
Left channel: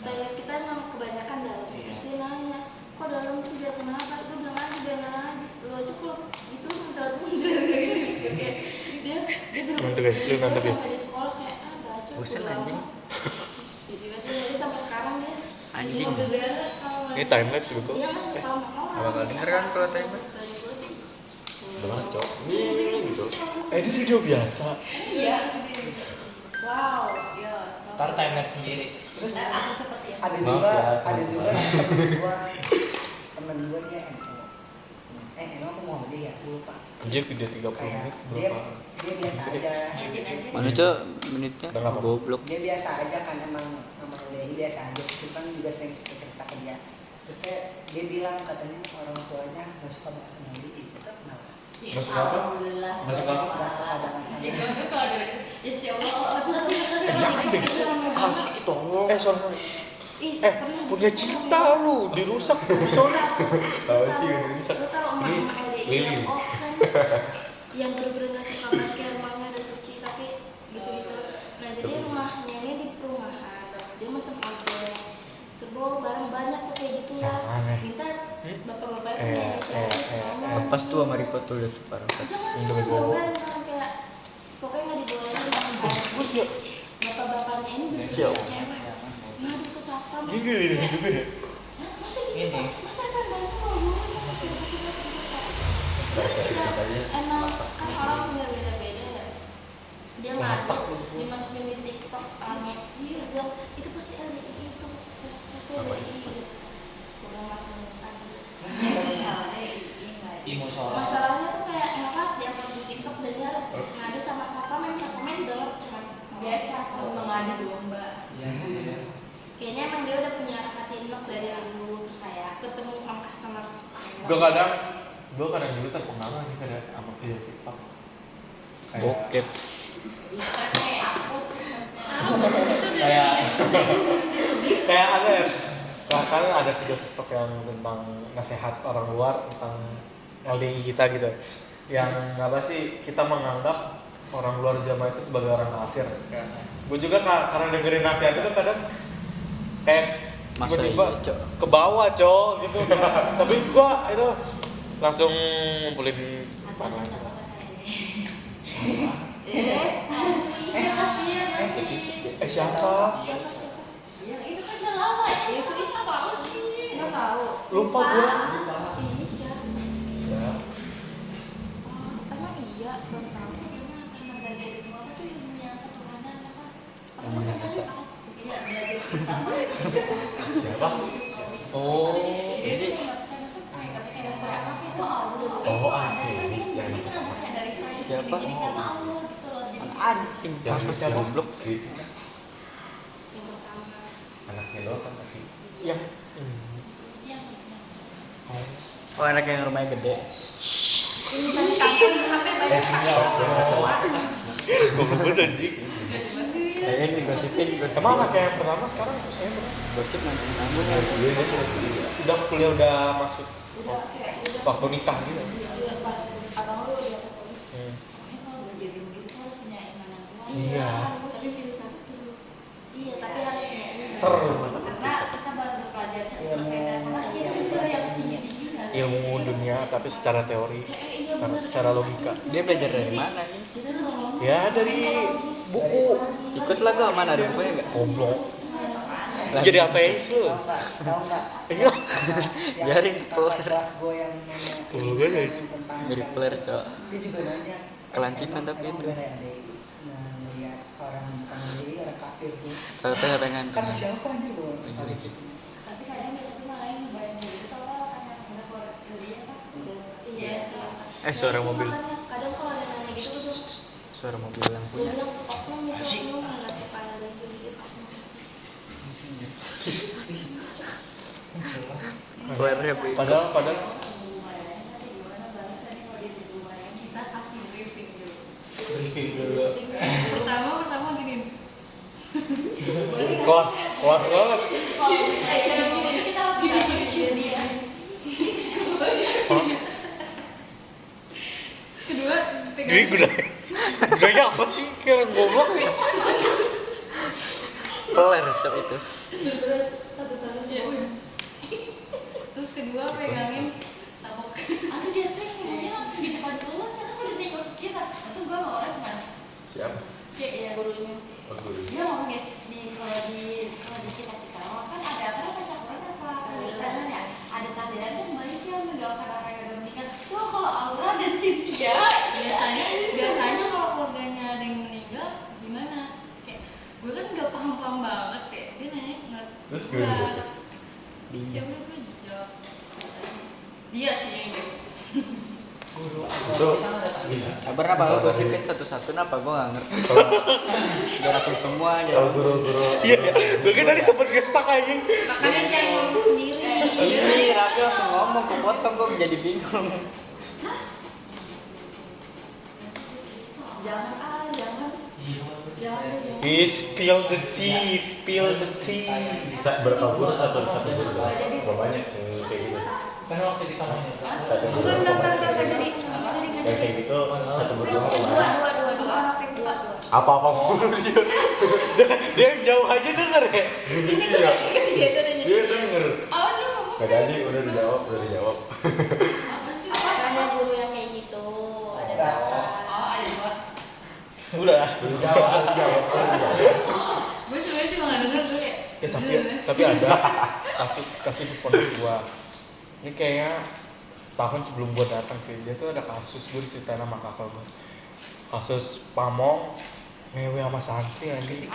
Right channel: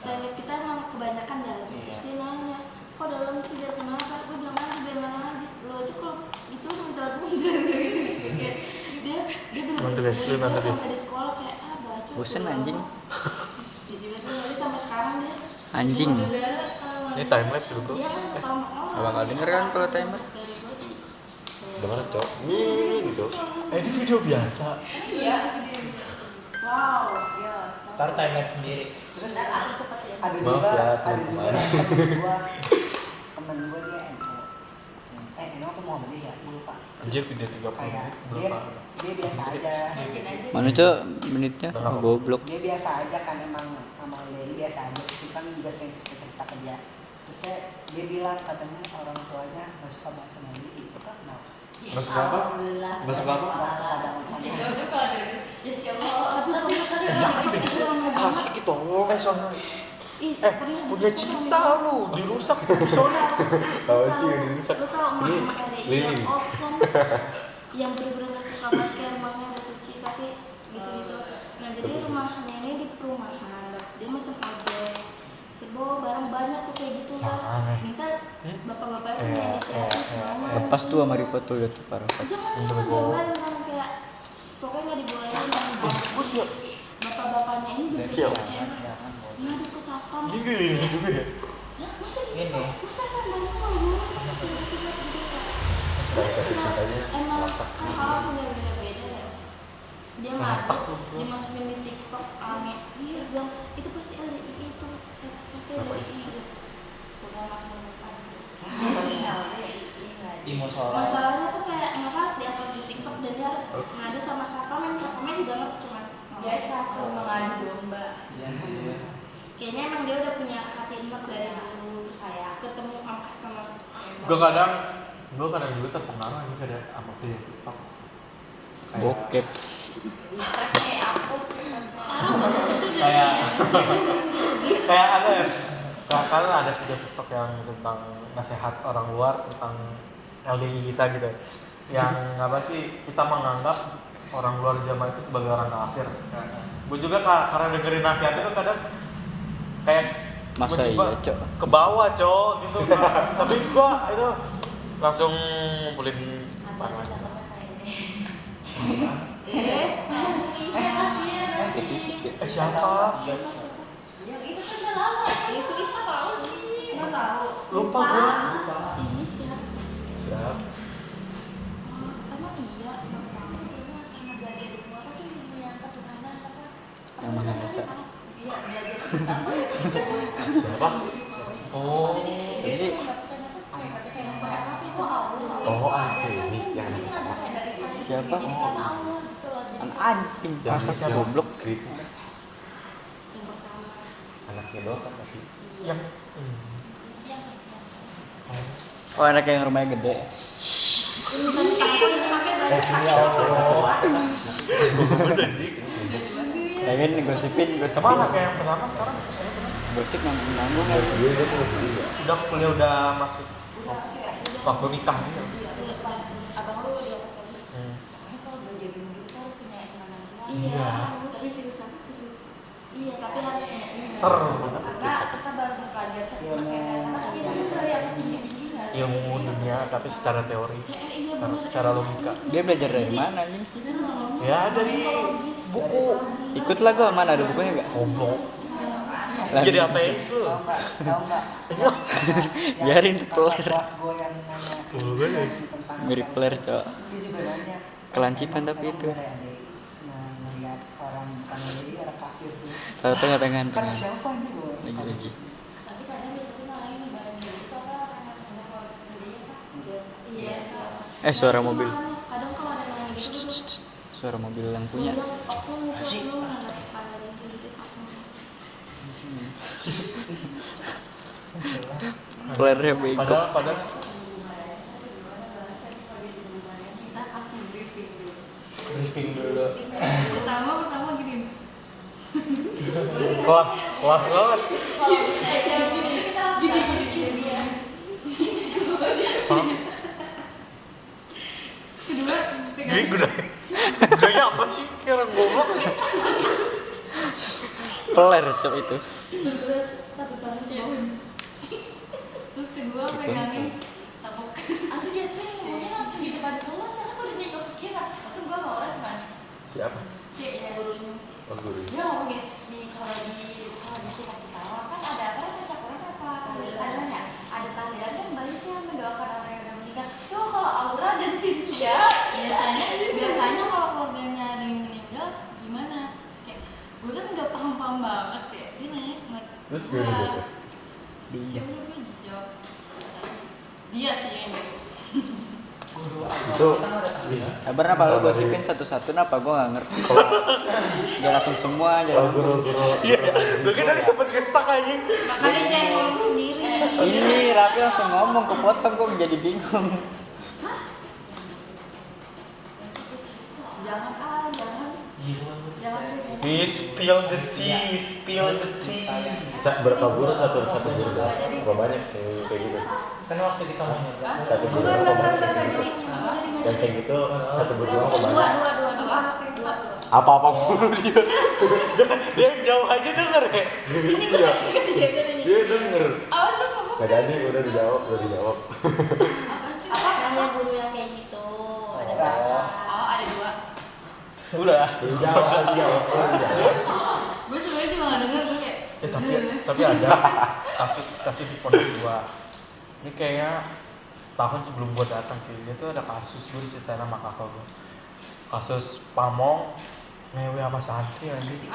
toilet kita emang kebanyakan dalam. Terus dia nanya, kok dalam sih biar kenapa? Gue bilang aja biar nggak najis. Lo aja kalau itu muncul gitu. Dia Nanti guys, lu nanti guys. sampai di sekolah kayak baca. Bosen anjing. Gitu kan dia sampai sekarang dia. Anjing. Cuma gara-gara kalau Ini time lapse dulu kok. dia kan suka ngomong. Bakal denger kan kalau time lapse? Udah banget cok. Gitu. Ini video biasa. iya. Wow. Iya. Ntar timeline sendiri. Terus Ntar aku cepet ya. ada Maaf juga ya, ada juga teman-teman. temen gue dia NO. NO apa Muhammadiyah ya? Gue lupa. Anjir video 30 Kayak menit dia berapa? dia biasa aja. Makin aja. Mana cok menitnya? Udah nggak apa-apa. Goblok. Dia biasa aja kan emang dia biasa aja. Terus kan juga sering cerita ke dia. Terus dia bilang katanya orang tuanya nggak suka banget sama dia. Itu kenapa? Nggak suka apa? Alhamdulillah. Nggak suka apa? Nggak suka banget sama dia. Ya udah kalau ada ya siapa Jangan deh. Ah sakit tolong. Sorry. Ih, Eh, pernah punya di- cinta lu, dirusak episode. Tahu sih ini bisa. Lu tau Ini emak LDI yang ini. off kan yang bener-bener gak suka banget kayak rumahnya udah suci tapi gitu-gitu. Nah jadi rumahnya ini di perumahan, dia mesen ojek, sebo barang banyak tuh kayak gitu lah. Jangan. Minta bapak-bapak itu Eh, inisiatif eh, eh. maunya. Lepas tuh sama Ripo tuh itu parah. Jangan Untuk jangan bawa. jangan kayak pokoknya nggak dibolehin Gue juga bapak-bapaknya ini Siap. bener-bener cewek. Ngadu ke satpam. gini juga ya. Masa Ini. gitu? Masa kan banyak orang tiba-tiba gitu Dari kasih ceritanya. emang kan orang punya beda-beda ya. Dia ngadu, dimasukin di TikTok rame. Dia bilang itu pasti LDI itu, pasti LDI gitu. Udah makin Emosional. masalahnya tuh kayak kenapa harus diupload di TikTok dan dia harus ngadu sama satpam, yang satpamnya juga nggak cuma biasa kalau mengadu domba. Iya sih. kayaknya emang dia udah punya hati enak dari dulu terus ketemu sama customer. Gue kadang juga terpengaruh nih kadang sama video TikTok. Kayak- Bokep. Kayak apa? kayak kayak ada ya karena ada video TikTok yang tentang nasihat orang luar tentang LDI kita gitu yang apa sih kita menganggap orang luar Jawa itu sebagai orang kafir kan. Gue juga karena dengerin nasihat itu kadang kayak Masa tiba-tiba iya, Cok? ke bawah cok gitu tapi gue itu langsung ngumpulin parah siapa Yang itu kan udah lama. Itu apa sih? Nggak tahu. Lupa gue. Ini siapa? ya Oh, emang iya baru tahu. Cuma gak ada di muara tuh ilmu yang ketuhanan apa? Yang mana bisa? Iya, belajar sama ya. siapa oh Jadi dia nggak percaya masa kayak apa itu Allah. Oh, Dewi yang Ini kan ada kayak dari Siapa? Jadi kata Allah gitu loh. Jadi Anjing. yang Masa bisa siapa? goblok kritik Yang pertama. anaknya doang kan tapi yang Oh anak yang rumahnya gede. Ini kan tampil pakai banyak ya Allah gue kebut anjing Ya kan digosipin sama anak yang pertama sekarang saya benar gosip nanggung ya. dia punya sendiri ya. udah kuliah udah masuk udah kayak udah waktu nikah gitu udah sepatu. Abang lu udah pas aja. Makanya kalau belajar ilmu itu harus punya iman yang kuat. Iya. Tapi filsafat. Iya, tapi harus punya ini. seru Karena kita baru belajar Ilmu karena yang itu udah yang tinggi-tinggi nggak sih? ilmu dunia tapi secara teori Iya, secara logika Dia belajar dari mana nih? Kita ngomong ya dari buku Ikut lah gua mana ada bukunya enggak? goblok Lah, jadi ateis lu Tahu nggak? iya Biarin Kakak keluar. kelas gue yang nanya Tunggu gue deh. tentang Mirip Claire, Cok. dia juga nanya Kelanjikan tapi itu. melihat orang bukan LDI orang kafir tuh Tahu-tahu ada kan ngantung. siapa anjir gue Lagi-lagi. Tapi kadang dia tuh malah yang ngebayang dulu tau lah karena udah keluar dari apa? Iya. Suara mobil. Kadang kalau ada yang nanya gitu, Suara mobil yang gue punya. bilang, aku ngecek lu nggak suka ada yang gitu. Claire bego. padahal Kita kasih briefing dulu. briefing dulu. Pertama gini. Kelas banget. Kalau kayak gini kita harus gini ya. Hah? Kedua Gini gunanya apa sih? Kayak orang goblok sih. Peler cok itu. terus satu tangan ya udah. Terus kedua pegangin tapuk. Aku dia tuh ngomongnya langsung di depan kelas, aku udah nengok ke kiri. Waktu gua sama orang cuman Siapa? Kayak gurunya. Oh, guru. dia ngomong gini, kalau di sekolah pertama kan ada apa tasyakuran apa tahlilan ya, ada tahlilan kan baliknya mendoakan orang yang udah meninggal. Tuh kalau Aura dan Cynthia Biasanya kalau keluarganya ada yang meninggal gimana? Terus kayak gue kan nggak paham banget kayak dia nanya Terus gue gitu. siapa gue jawab ceritanya. Dia sih yang Guru Itu agama kita kan ada iya. Kabar apa lu gosipin satu-satu apa gua enggak ngerti. Gua langsung semua aja. Kalau guru-guru Iya, gue tadi sempet nge-stuck anjing. makanya dia yang ngomong sendiri. Ini Raffi langsung ngomong kepotong gua jadi bingung. jangan jangan Spill the tea. berapa guru satu guru? Berapa banyak yang kayak gitu? Kan waktu di kamarnya Satu guru berapa banyak? Yang kayak gitu satu guru berapa banyak? Apa mulu dia? Dia yang jauh aja denger ya. Dia denger. awal lu ngomong Nggak tadi udah dijawab. Hanya guru yang kayak gitu. Ada berapa? oh ada dua. Udah. Dijawab. Gue sebenarnya cuma nggak denger tuh kayak. Ya tapi ada kasus di pondok gua. Ini kayaknya setahun sebelum gua datang sih. Dia tuh ada kasus gua diceritain sama kakak gua. Kasus pamong ngewe sama santri anjing.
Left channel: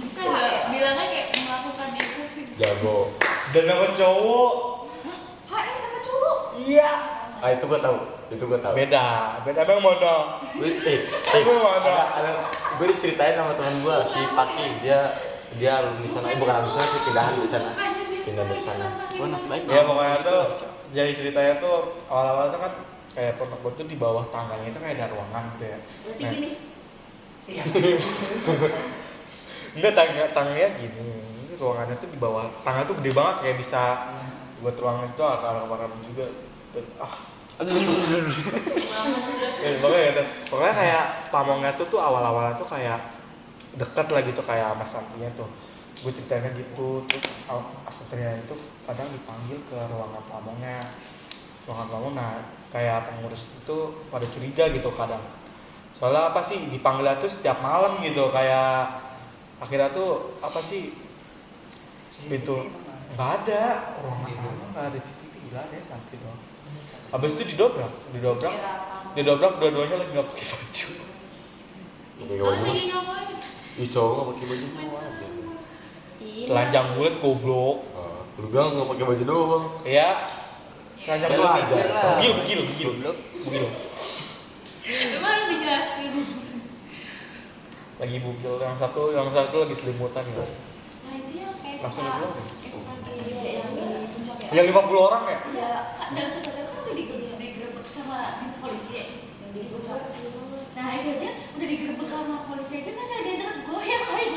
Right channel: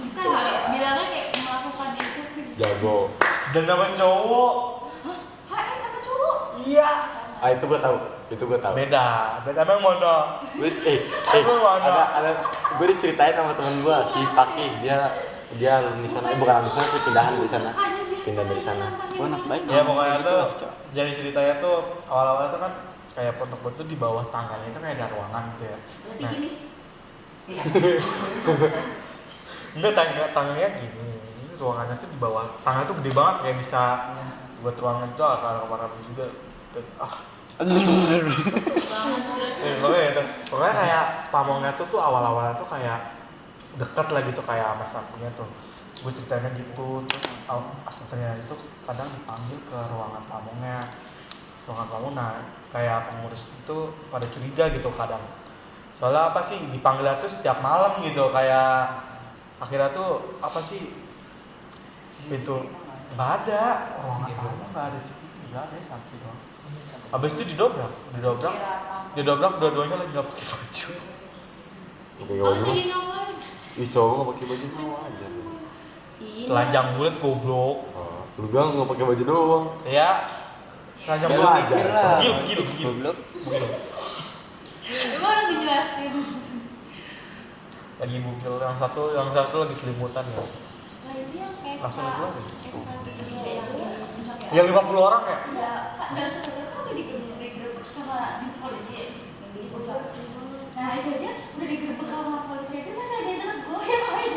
Bisa nggak bilangnya kayak melakukan itu? Jago. Dan nama cowok. sama cowok. Iya. Ah itu gua tahu. Beda emang mana? Emang mana? Ada gue diceritain sama teman gua si Paki, dia lulus di sana, bukan lulus sih pindahan di sana. Pindah dari sana. Baik. Ya pokoknya tuh jadi ceritanya tuh awal-awal tuh kan kayak pondok gua tuh di bawah tangganya itu kayak ada ruangan gitu ya. Berarti Nah, gini. enggak tangganya gini. Ini ruangannya tuh di bawah. Tangga tuh gede banget kayak bisa buat ruangan tuh arah kamar juga. Dan, pokoknya kayak pamongnya tuh awal-awalnya tuh kayak deket lah gitu kayak sama santrinya tuh. Gue ceritainnya gitu, terus santrinya itu kadang dipanggil ke ruangan pamongnya. Ruangan pamong, nah kayak pengurus itu pada curiga gitu kadang. Soalnya apa sih dipanggilnya tuh setiap malam gitu, kayak akhirnya tuh apa sih itu nggak ada ruangan pamong, nggak ada CCTV, nggak ada santri doang. Abis itu didobrak dua-duanya lagi nggak pakai baju. Kalau lagi ngapain? Ih cowok nggak pakai baju doang. Telanjang bulat goblok. Lu bilang nggak pakai baju doang. Ya, telanjang Ya, lu bulat. mikir lah. Bugil. Goblok. Emang harus dijelasin. Lagi bugil, yang satu lagi selimutan ya. Nah itu yang Vespa. Langsung dikeluarin. Vespa dia yang di puncak ya. Yang 50 orang ya? Iya, Kak, dalam satu kan udah digerebek sama di polisi ya, yang di puncak. Nah itu aja udah digerebek sama polisi aja masa ada yang deket gue yang lain.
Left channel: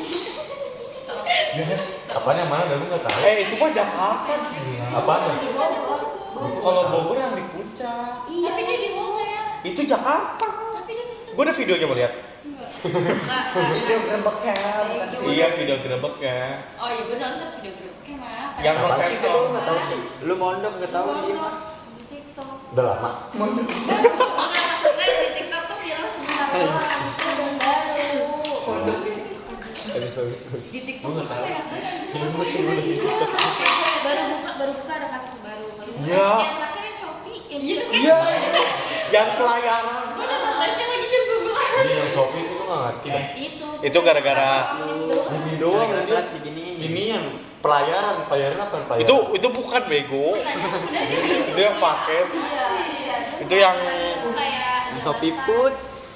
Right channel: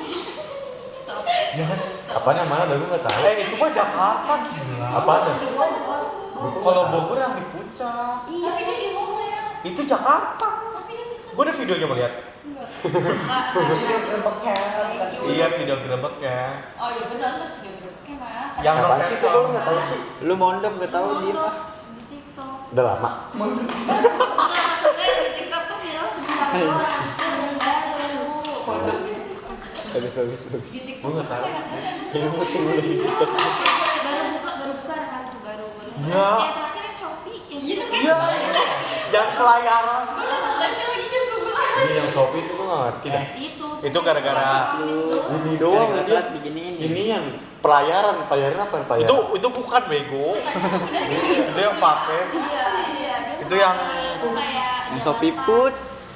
Apaan yang mana? Gue nggak tahu. Itu mah Jakarta gila. Apaan? Itu kan Kalau Bogor yang di puncak. tapi dia di Bogor. Itu Jakarta. Tapi dia bisa. Gue ada videonya mau lihat. Enggak. Video gerbeknya bukan Iya, video gerebek ya. Oh iya gue nonton video gerebeknya mah. Yang Apaan no sih? sensor. Gue nggak tahu sih. Lu mondok gak tahu dia. Di TikTok. Udah lama. Maksudnya di TikTok tuh viral sebentar doang. Itu yang baru. Bagus. Di TikTok Gue nggak tuh tahu. banyak banget. Baru buka ada kasus baru. Iya. Yang terakhir yang Shopee yang Iya kan? Iya, yang pelayaran. Gue nonton live-nya lagi jam 12. Ini yang Shopee itu gue nggak ngerti dah. Itu gara-gara Ini doang ya dia. Beginiin. Ini yang pelayaran apa yang pelayaran? itu bukan bego. Itu yang paket. Iya. Itu yang Yang Shopee Food.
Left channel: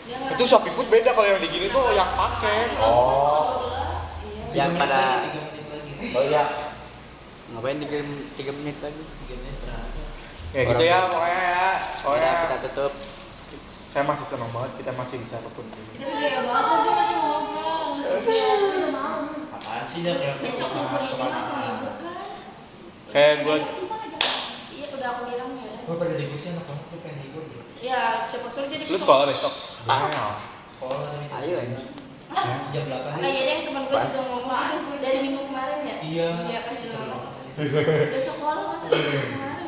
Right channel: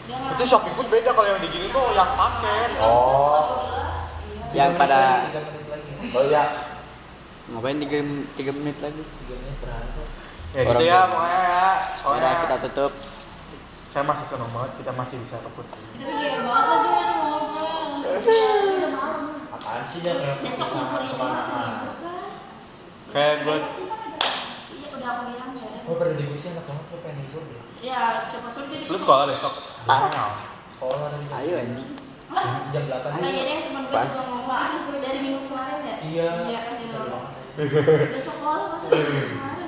itu Shopee Food beda, kalau yang di gini tuh yang paket. Oh. Yang pada 3 menit lagi. Oh iya. ngapain 3 menit lagi. 3 menit per hari kok. Ya gitu ya pokoknya ya. Udah kita tutup. saya masih senang banget kita masih bisa ketemu. Tapi gaya banget lah gue masih mau ngobrol. Udah malam. Apaan sih dia kayak Besok libur ini masih libur kan? Kayak gue Iya udah aku bilang ya. gue pada libur sih enak banget, gue pengen libur gitu. Ya siapa suruh jadi. lu sekolah besok. Sekolah tadi. Ayo anjing. Jam 8 Ah iya yang teman gue juga ngomong dari minggu kemarin ya. Iya. Iya pas dia ngomong. Udah sekolah masa dari minggu kemarin.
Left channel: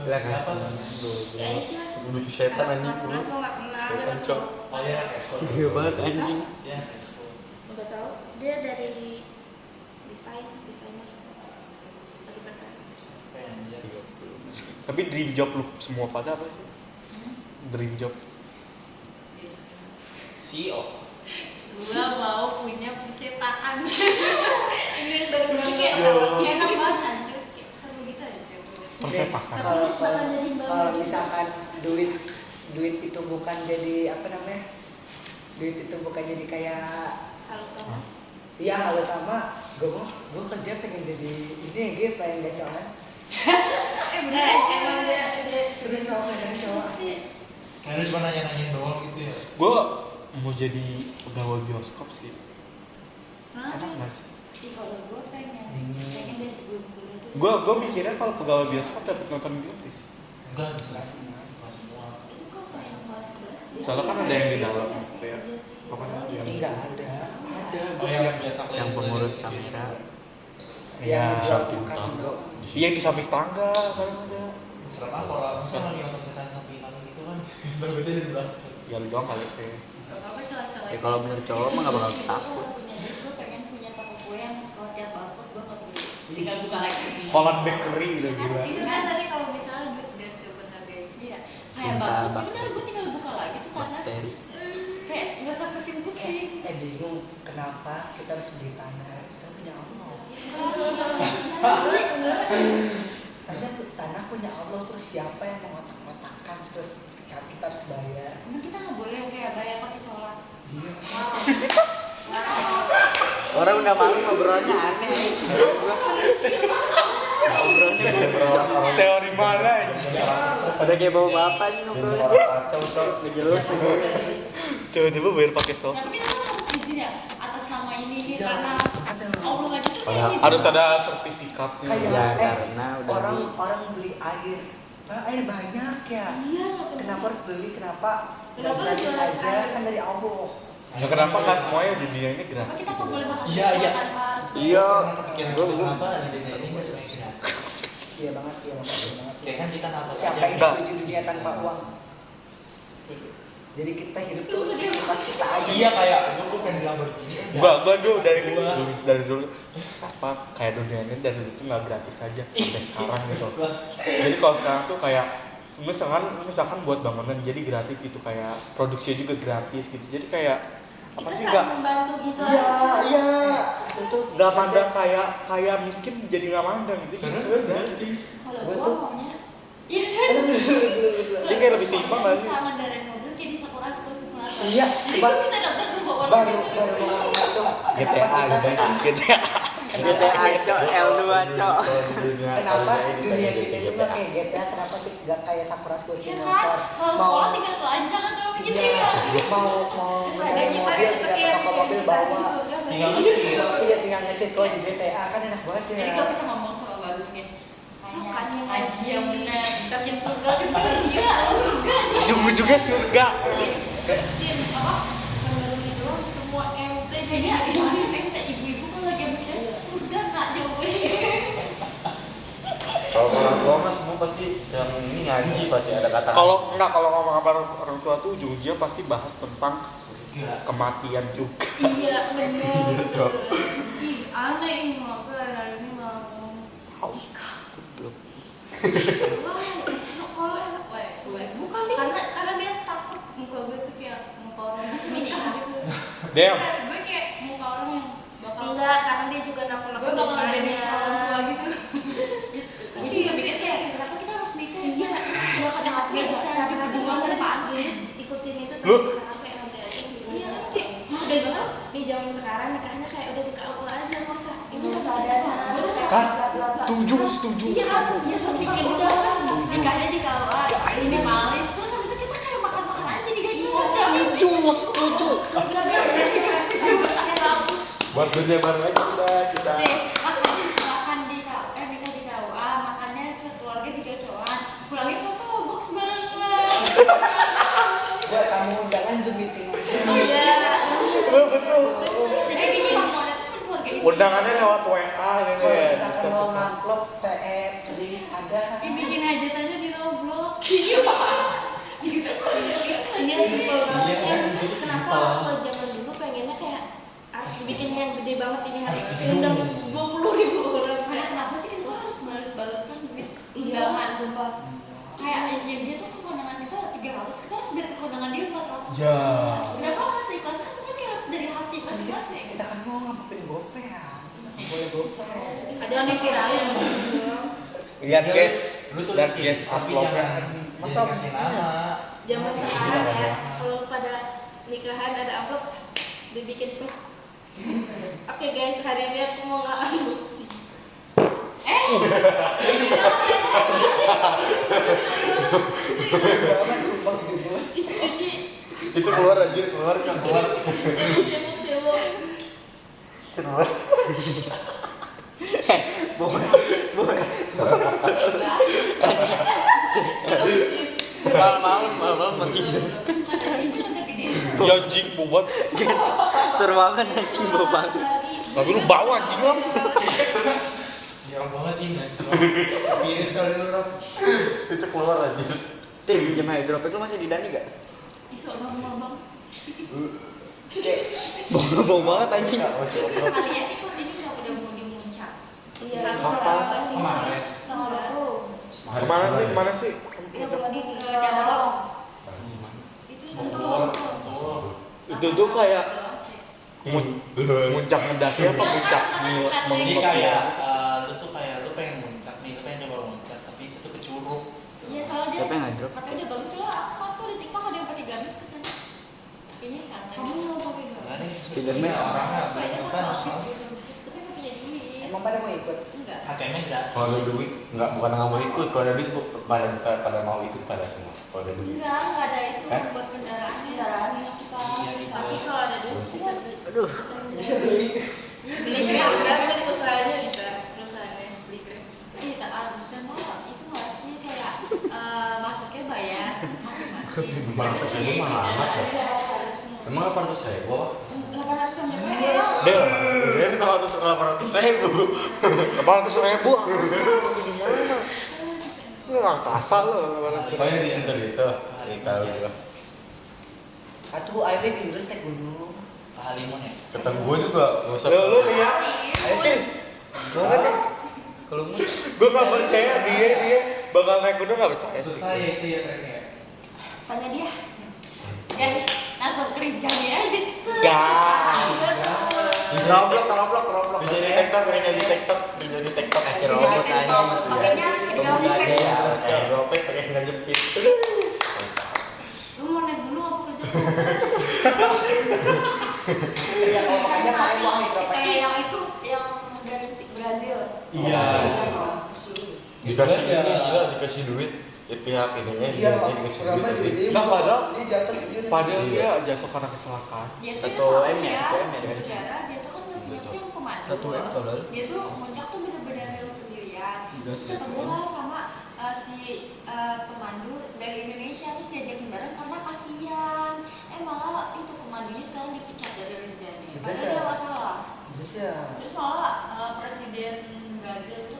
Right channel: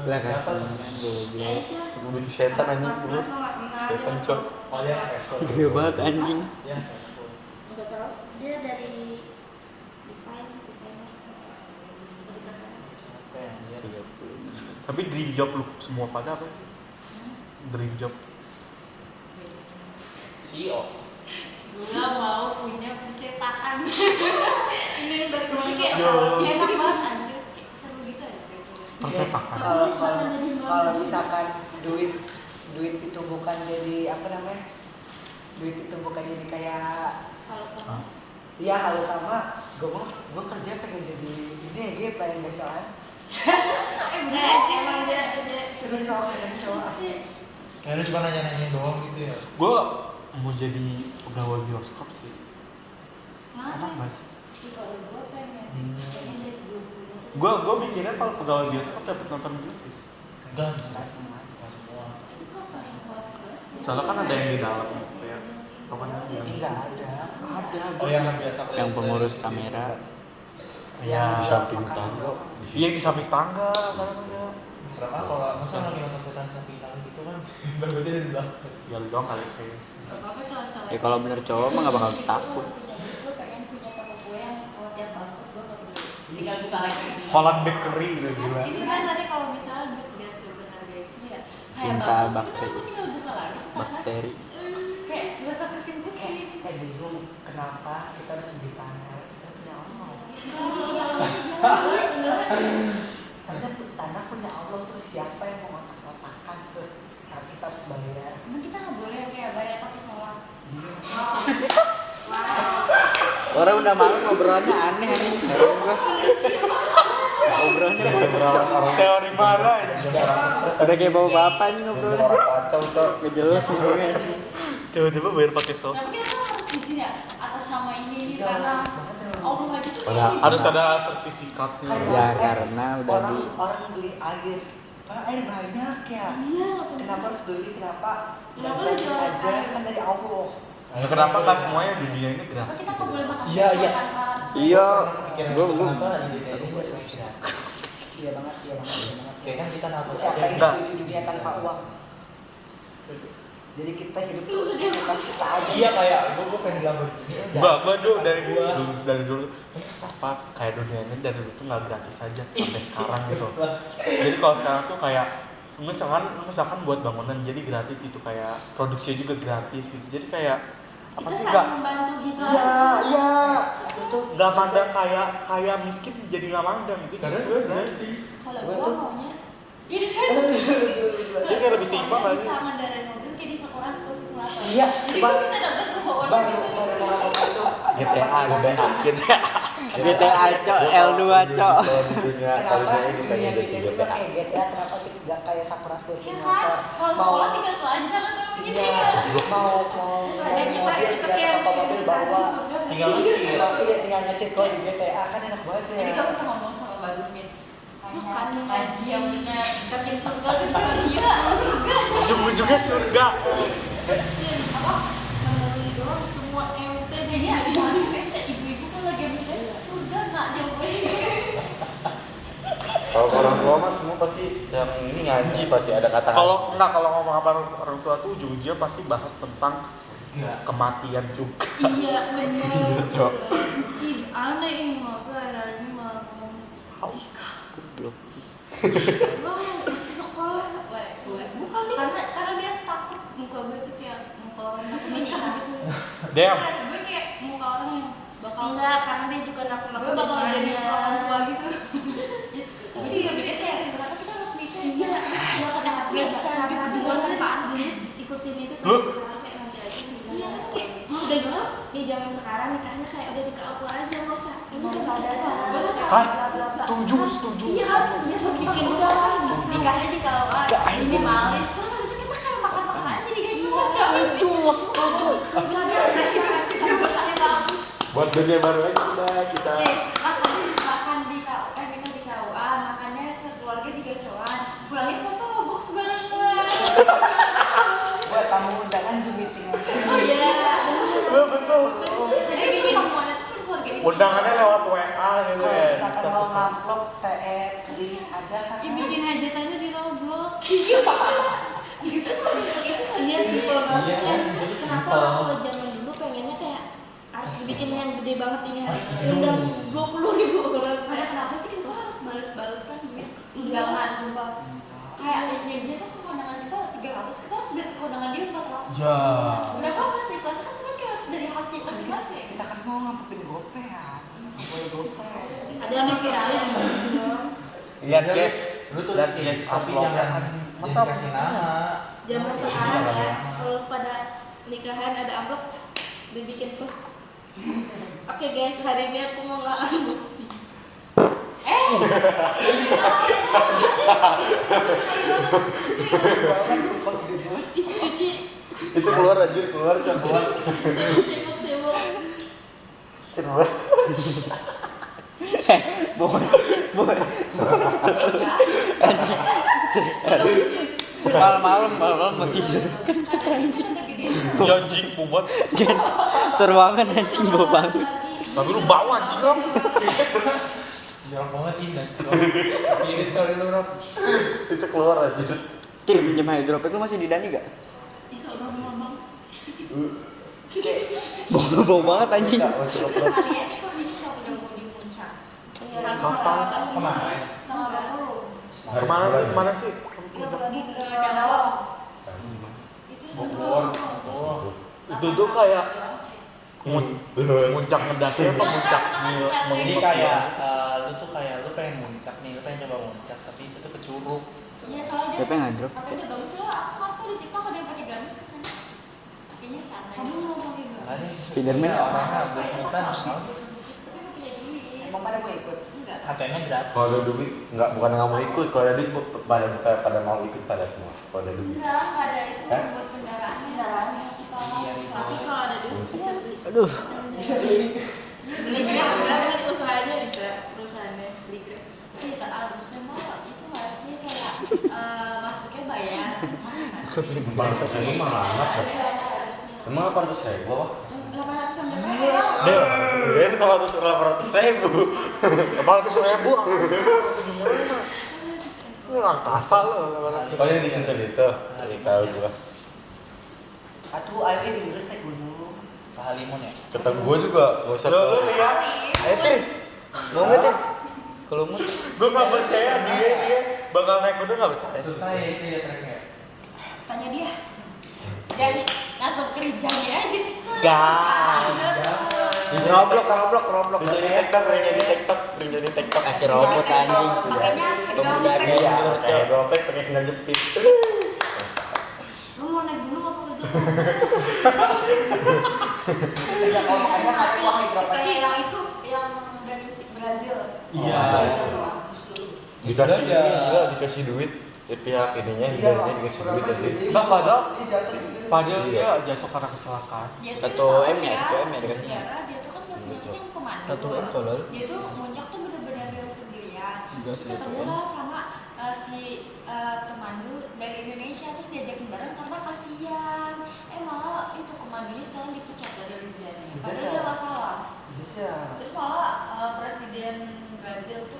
Ya kan. Siapa? Si Aisyah. Lebih setan anjing Mas lu. Mas lo nggak kenal. Setan dia cok. Oh iya, ekskul. Gede banget anjing. Ya, ekskul. Nggak tahu. Dia dari desainer. Tadi kata. Apa yang dia? Tapi dream job lu semua pada apa sih? Dream job. CEO. Gua mau punya percetakan. Ini yang dari Jadi kayak enak banget anjir, kayak seru gitu aja. Persepakan. Kalau misalkan duit itu bukan jadi apa namanya? Duit itu bukan jadi kayak Kalau kamu. Hah? iya hal utama. Gue kerja pengen jadi ini gue pengen gacoan. Bener aja. Emang dia Seru cowok kan cowok. Kalian cuma nanya-nanyain doang gitu ya? Gue mau jadi pegawai bioskop sih. Kenapa? Enak nggak sih? Ih, kalau gue pengen dari sebelum kuliah tuh. Gue mikirnya kalau pegawai bioskop dapat nonton gratis. Enggak, Nggak semua. enggak semua. Itu kan pas kelas 11. Soalnya kan ada yang di dalam kayak apa namanya? Enggak ada. Ada. Oh yang biasa Yang pengurus kamera. Ya, Di samping tangga. iya di samping tangga kan ada. Serem apa kalau misalnya lagi nonton setan sapi hitam gitu kan? Berarti di belakang. Ya lu doang kali kayak. Gak apa-apa cowok-cowok. Ya kalau bener cowok mah nggak bakal takut. Gue pengen punya toko kue yang kalau tiap bangkrut gue nggak beli. Tinggal buka lagi. Holland Bakery gitu gila. Itu kan tadi kalau misalnya duit gak seberharga itu. Iya. Kayak Cinta bangkrut, bakteri. udah gue tinggal buka lagi tuh tanah. Bakteri. Kayak gak usah pusing-pusing. Bingung kenapa kita harus beli tanah? Kita punya Allah. Tanah punya Allah, terus siapa yang mau otak-otakan, terus kita harus bayar. Emang kita nggak boleh kayak bayar pakai sholat. Iya. Orang udah malu ngobrolannya aneh anjing. Ngobrolannya Teori mana ini? udah kayak bawa bapak nih ngobrol. Kacau tuh. Nggak jelas semuanya. Tiba-tiba bayar pakai soft. Tapi itu harus izin ya atas nama ini karena Allah nggak gitu. Harus ada sertifikatnya. Ya, karena udah orang beli air. Pak, air banyak ya. Iya. Kenapa harus beli? Kenapa? Kenapa Nggak gratis jualan aja air? kan dari Allah. Ya kenapa nggak semuanya dunia ini Apa gratis? kita nggak boleh makan Iya, iya. tanpa harus Iya. Pikiran Gua- gue gua- kenapa lagi ini nggak semuanya gratis? Iya banget, iya banget, iya banget. Ya kan kita nafas Siapa aja. yang Enggak. setuju dunia tanpa uang? Jadi kita hidup tuh bukan kita aja. Iya kayak gue pengen bilang begini. Gua dulu dari dulu apa kayak dunia ini dari dulu tuh nggak gratis aja sampai sekarang gitu. Jadi kalau sekarang tuh kayak misalkan buat bangunan jadi gratis gitu, kayak produksinya juga gratis gitu. Jadi kayak apa Itu sih saling nggak? membantu gitu Iya, aja. iya. Itu nggak mandang kayak miskin jadi nggak mandang gitu. Jadi sebenarnya gratis. Kalau Gua gua tuh- maunya jadi Jadi kayak lebih simpel aja. bisa ngendarin mobil kayak di Sakura School Simulator. Iya, Jadi gua bisa dapet rumah orang. baru mau ngomong itu. GTA GTA. GTA cok L2 cok. Kenapa dunia kita itu nggak kayak GTA? Kenapa nggak kayak Sakura School Ya kan, Simulator? kalau sekolah tinggal telanjang kan kalau gitu Iya, ya. mau mobil, tinggal ke mobil bawa. Tinggal ngecil. Iya, tinggal ngecek kok di GTA kan enak banget ya. Jadi kalau kita ngomong sama bagusnya, Makanya haji yang benar, Tapi surga itu surga, surga. Ujung-ujungnya surga. Apa? kalau ini doang semua MT deh. Kayaknya kita ibu-ibu kan lagi mikir surga nak jawabannya. Kalau orang tua mah semua pasti yang ini ngaji pasti ada kata. Kalau ngomong sama orang tua tuh ujung-ujungnya pasti bahas tentang kematian juga. Iya benar. Cok. Ih aneh ini mah gue hari ini malah ngomong. Ih Goblok. Wah, masih sekolah. Bukan karena dia takut muka gue tuh kayak muka orang yang nikah gitu. Damn. Gue kayak muka orang yang bakal Enggak, karena dia juga nakut-nakut. gue bakal jadi orang tua gitu. Itu Gue juga mikir kayak kenapa kita harus nikah? Iya, ya kenapa Nggak bisa karena berdua dia tanpa anak? jadi ikutin itu Lu? terus sampai nanti aja. Iya kan kayak udah gitu di zaman sekarang nikahnya kayak udah di KUA aja nggak usah ada acara Kan? bla bla bla. Setuju. Iya kan? Dia bikin udah kan bisa. nikahnya di KUA minimalis terus habis itu kita kayak makan-makan aja di dunia baru aja udah kita. Nih, makan di KUA, kita di KUA, makannya sekeluarga di Gacoan. Pulangnya foto box barengan. Buat tamu undangan Zoom meeting aja. Oh iya. Betul. Bikin semuanya tuh kan keluarga di Undangannya lewat WA gitu Kalau ya. misalkan mau ngupload TE tulis ada kan. bikin hajatannya di Roblox. Iya, Iya simpel banget Iya, kan. jadi Kenapa simpel. kalau zaman dulu pengennya kayak harus dibikin yang gede banget ini harus diundang 20.000 orang. Karena kenapa sih kita harus bales-balesan duit undangan sumpah. Kayak ya dia tuh kekondangan kita 300, kita harus biar kekondangan dia 400. Ya. Kenapa masih kelas kan cuma kayak harus dari hati masing-masing. Kita kan mau ngapain GoPay ya. Nggak boleh GoPay. Ada yang dipiralin Lihat guys, Lu tuh lihat guys tapi uploadnya. jangan Masa kasih nama. zaman sekarang ya kalau pada nikahan ada amplop dibikin tuh. Oke guys, hari ini aku mau nge-unboxing. Jangan sumpah gede banget. Ih, cuci. Itu keluar anjir, keluar kan keluar. Cebok. Keluar. Malam mau tidur. Ya anjing buat. Seru banget anjing bawa bangun. Tapi lu bawa anjing lu. Jarang banget ingat. Spirit kali lu Rap. Itu keluar anjir. Tim pinjam hydropet lu masih di Dani gak? Iso dong mamang. Bau banget anjing. Kalian itu ini udah mau di puncak. Kapan? Kemarin. Tanggal 20. Kemana sih? Kemana sih? Lagi ke Jakarta. Itu Bogor. Sentul. Itu tuh kayak muncak mendaki apa muncak Ini mengikut kayak lu tuh kayak lu pengen muncak nih, lu pengen coba muncak tapi itu ke Curug. Iya, soalnya Siapa yang ngedrop? katanya udah bagus soalnya aku nggak tahu di TikTok ada yang pakai gamis ke sana. Ini santai. Kamu mau pakai gamis? Makanya Spiderman. orangnya Kayaknya bukan pas harus tapi nggak punya duit. Emang pada mau ikut? Enggak. kacanya gratis. Kalau ada duit, bukan nggak mau ikut. Kalau ada duit pada mau ikut pada semua. Kalau ada duit. Enggak ada itu Hah? buat kendaraannya kita Iya, susah. Tapi kalau ada duit bisa beli. Aduh. Bisa beli. Beli Grab bisa beli usahanya bisa perusahaannya beli Grab. Iya, tak harusnya mah itu nggak sih kayak masuknya bayar, masuk. Bang, itu mah amat ya. Iya, harusnya. Emang 800.000 apa? 800 yang berapa? Del, Ini 800.000. 800.000 gimana? Lu angkasa lu 800.000. Oh ini di situ itu. Ini tahu gua. Atuh ayo di naik gunung. Ke Halimun ya. Kata gua juga nggak usah. Lu lihat. Ayo Tin. Mau nggak Tin? Kalau mu Gua nggak percaya dia bakal naik gunung nggak percaya sih. susah ya itu ya treknya. Tanya dia. Guys, langsung kerjanya aja. Gas. Di Roblox. Kerja di TikTok, kerja di TikTok. Akhir robot anjing. Pemuda dia. Kayak dropet pakai sandal jepit. Lu mau naik gunung apa kerja? Ya kalau makanya kalian wah berapa? Kayak yang itu yang dari Brazil. Iya. Dikasih Ya. ini gila, dikasih duit. Pihak ininya Iya, dia dikasih duit kurang tapi gede. Bah, padahal- Ini jatuh sendiri. Padahal Iya. dia jatuh karena kecelakaan. Dia tuh 1 tahu M ya, 1 M ya dikasihnya. Negara, dia tuh kan nggak punya yang pemandu. 1 M tolol. Dia tuh muncak tuh bener-bener sendirian. Enggak Terus sih, ketemu 1 M. lah sama si pemandu dari Indonesia terus diajakin bareng karena kasihan. Malah itu pemandunya sekarang dipecat dari kerjaannya. Just Padahal ya. dia nggak salah. Just ya. Terus malah presiden Brazil kan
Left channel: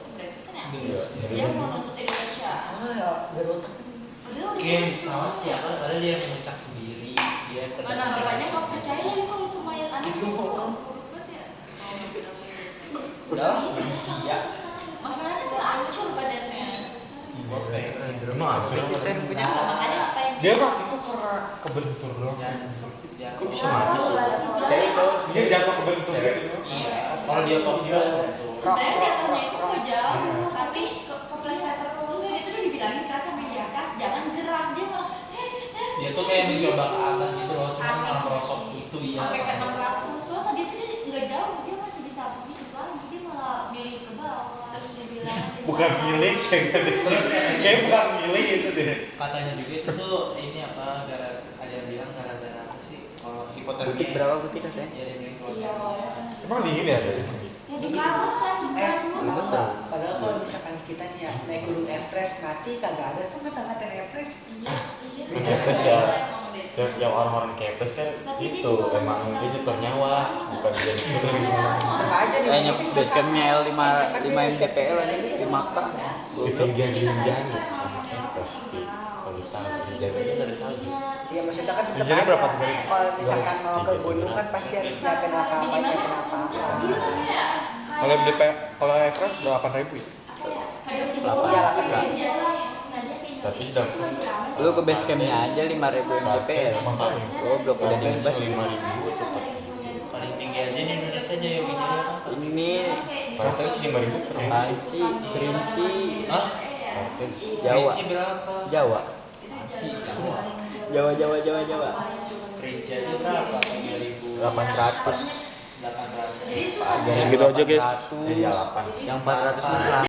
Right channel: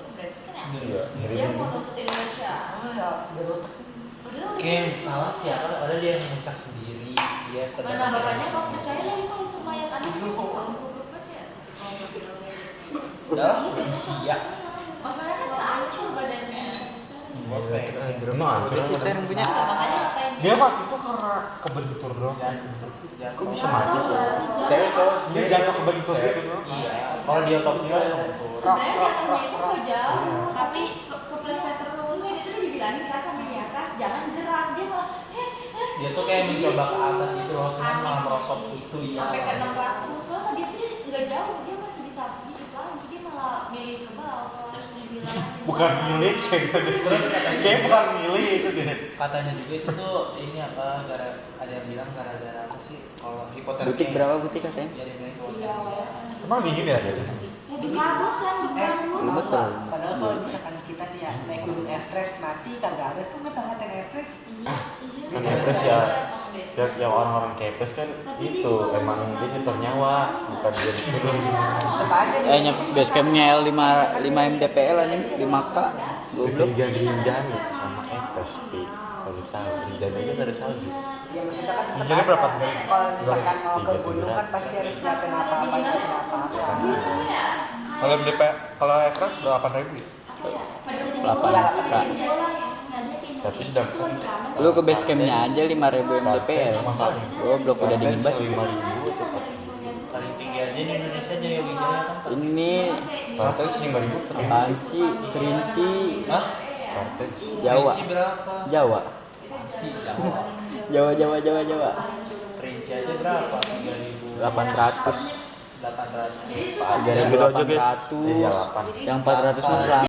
ya? Iya. Dia mau nuntut Indonesia. Oh ya, biar otak. Padahal udah Yang salah sih ya, padahal dia yang muncak sendiri. Dia mana bapaknya nggak percaya lagi kalau itu mayat anak itu goblok banget ya. Kalau mau bilang Udah, manusia. masalahnya kan nggak hancur badannya. Emang hancur Apa sih sama tren tadi? punya? Nggak, makanya ngapain Dia waktu itu karena kebentur doang. Kok bisa mati sih? Cewek cowok Dia jatuh kebentur gitu doang. Iya. Kalau dia otopsi kan itu. sebenarnya jatuhnya itu nggak jauh Tapi kepleset terus. terus itu tuh dibilangin kan sama di atas jangan gerak dia malah Dia tuh kayak mencoba ke atas gitu loh, cuma malah merosot itu ya. sampai ke 600 soalnya tadi itu dia nggak jauh dia masih bisa hidup lagi dia malah milih ke bawah. Terus dibilang Bukan milik kayak bukan milik itu deh. Katanya juga itu tuh ini apa, ada yang bilang gara-gara apa sih kalau hipotermia. Butik berapa butik katanya? Ya dia bilang iya hipotermia. Emang dingin ya dari? mau dikabut kan Tahu Betul. nggak? Padahal kalau misalkan kita nih ya naik gunung Everest mati kagak ada tuh ngata-ngatain Everest. iya iya Kan Iya, Everest ya. emang deh. Yang orang-orang kepes kan Tapi dia itu juga emang ngomong dia orang nyetor yang nyawa, lain. bukan dia disuruh. Tetep aja nih. Kayaknya basecampnya L5 MDPL aja 5K. Itu janji-janji sama Everest di kalau misalnya dijaganya dari salju. Ya maksudnya kan tetep Jadi aja. berapa hari? Kalau misalkan mau ke 300. gunung kan pasti harus siapin apa-apa, siapin apa-apa. Gimana ya? Kalau MDP, kalau Everest berapa ribu ya? apa ya Delapan. Iya, Tapi sedangkan Lu ke basecampnya aja 5.000 MDPL. Mantap. Goblok udah dingin bisa banget. 5.000 atau Paling tinggi aja di Indonesia aja yang tinggi apa? Ini Kartens 5.000 per apaan sih? Kerinci Hah? Kartens. Jawa. Kerinci berapa? Jawa. Si Jawa. Jawa. Kerinci aja berapa? 3.000. 800. 800. Segitu aja guys. 800. Iya 8. Yang 400 mah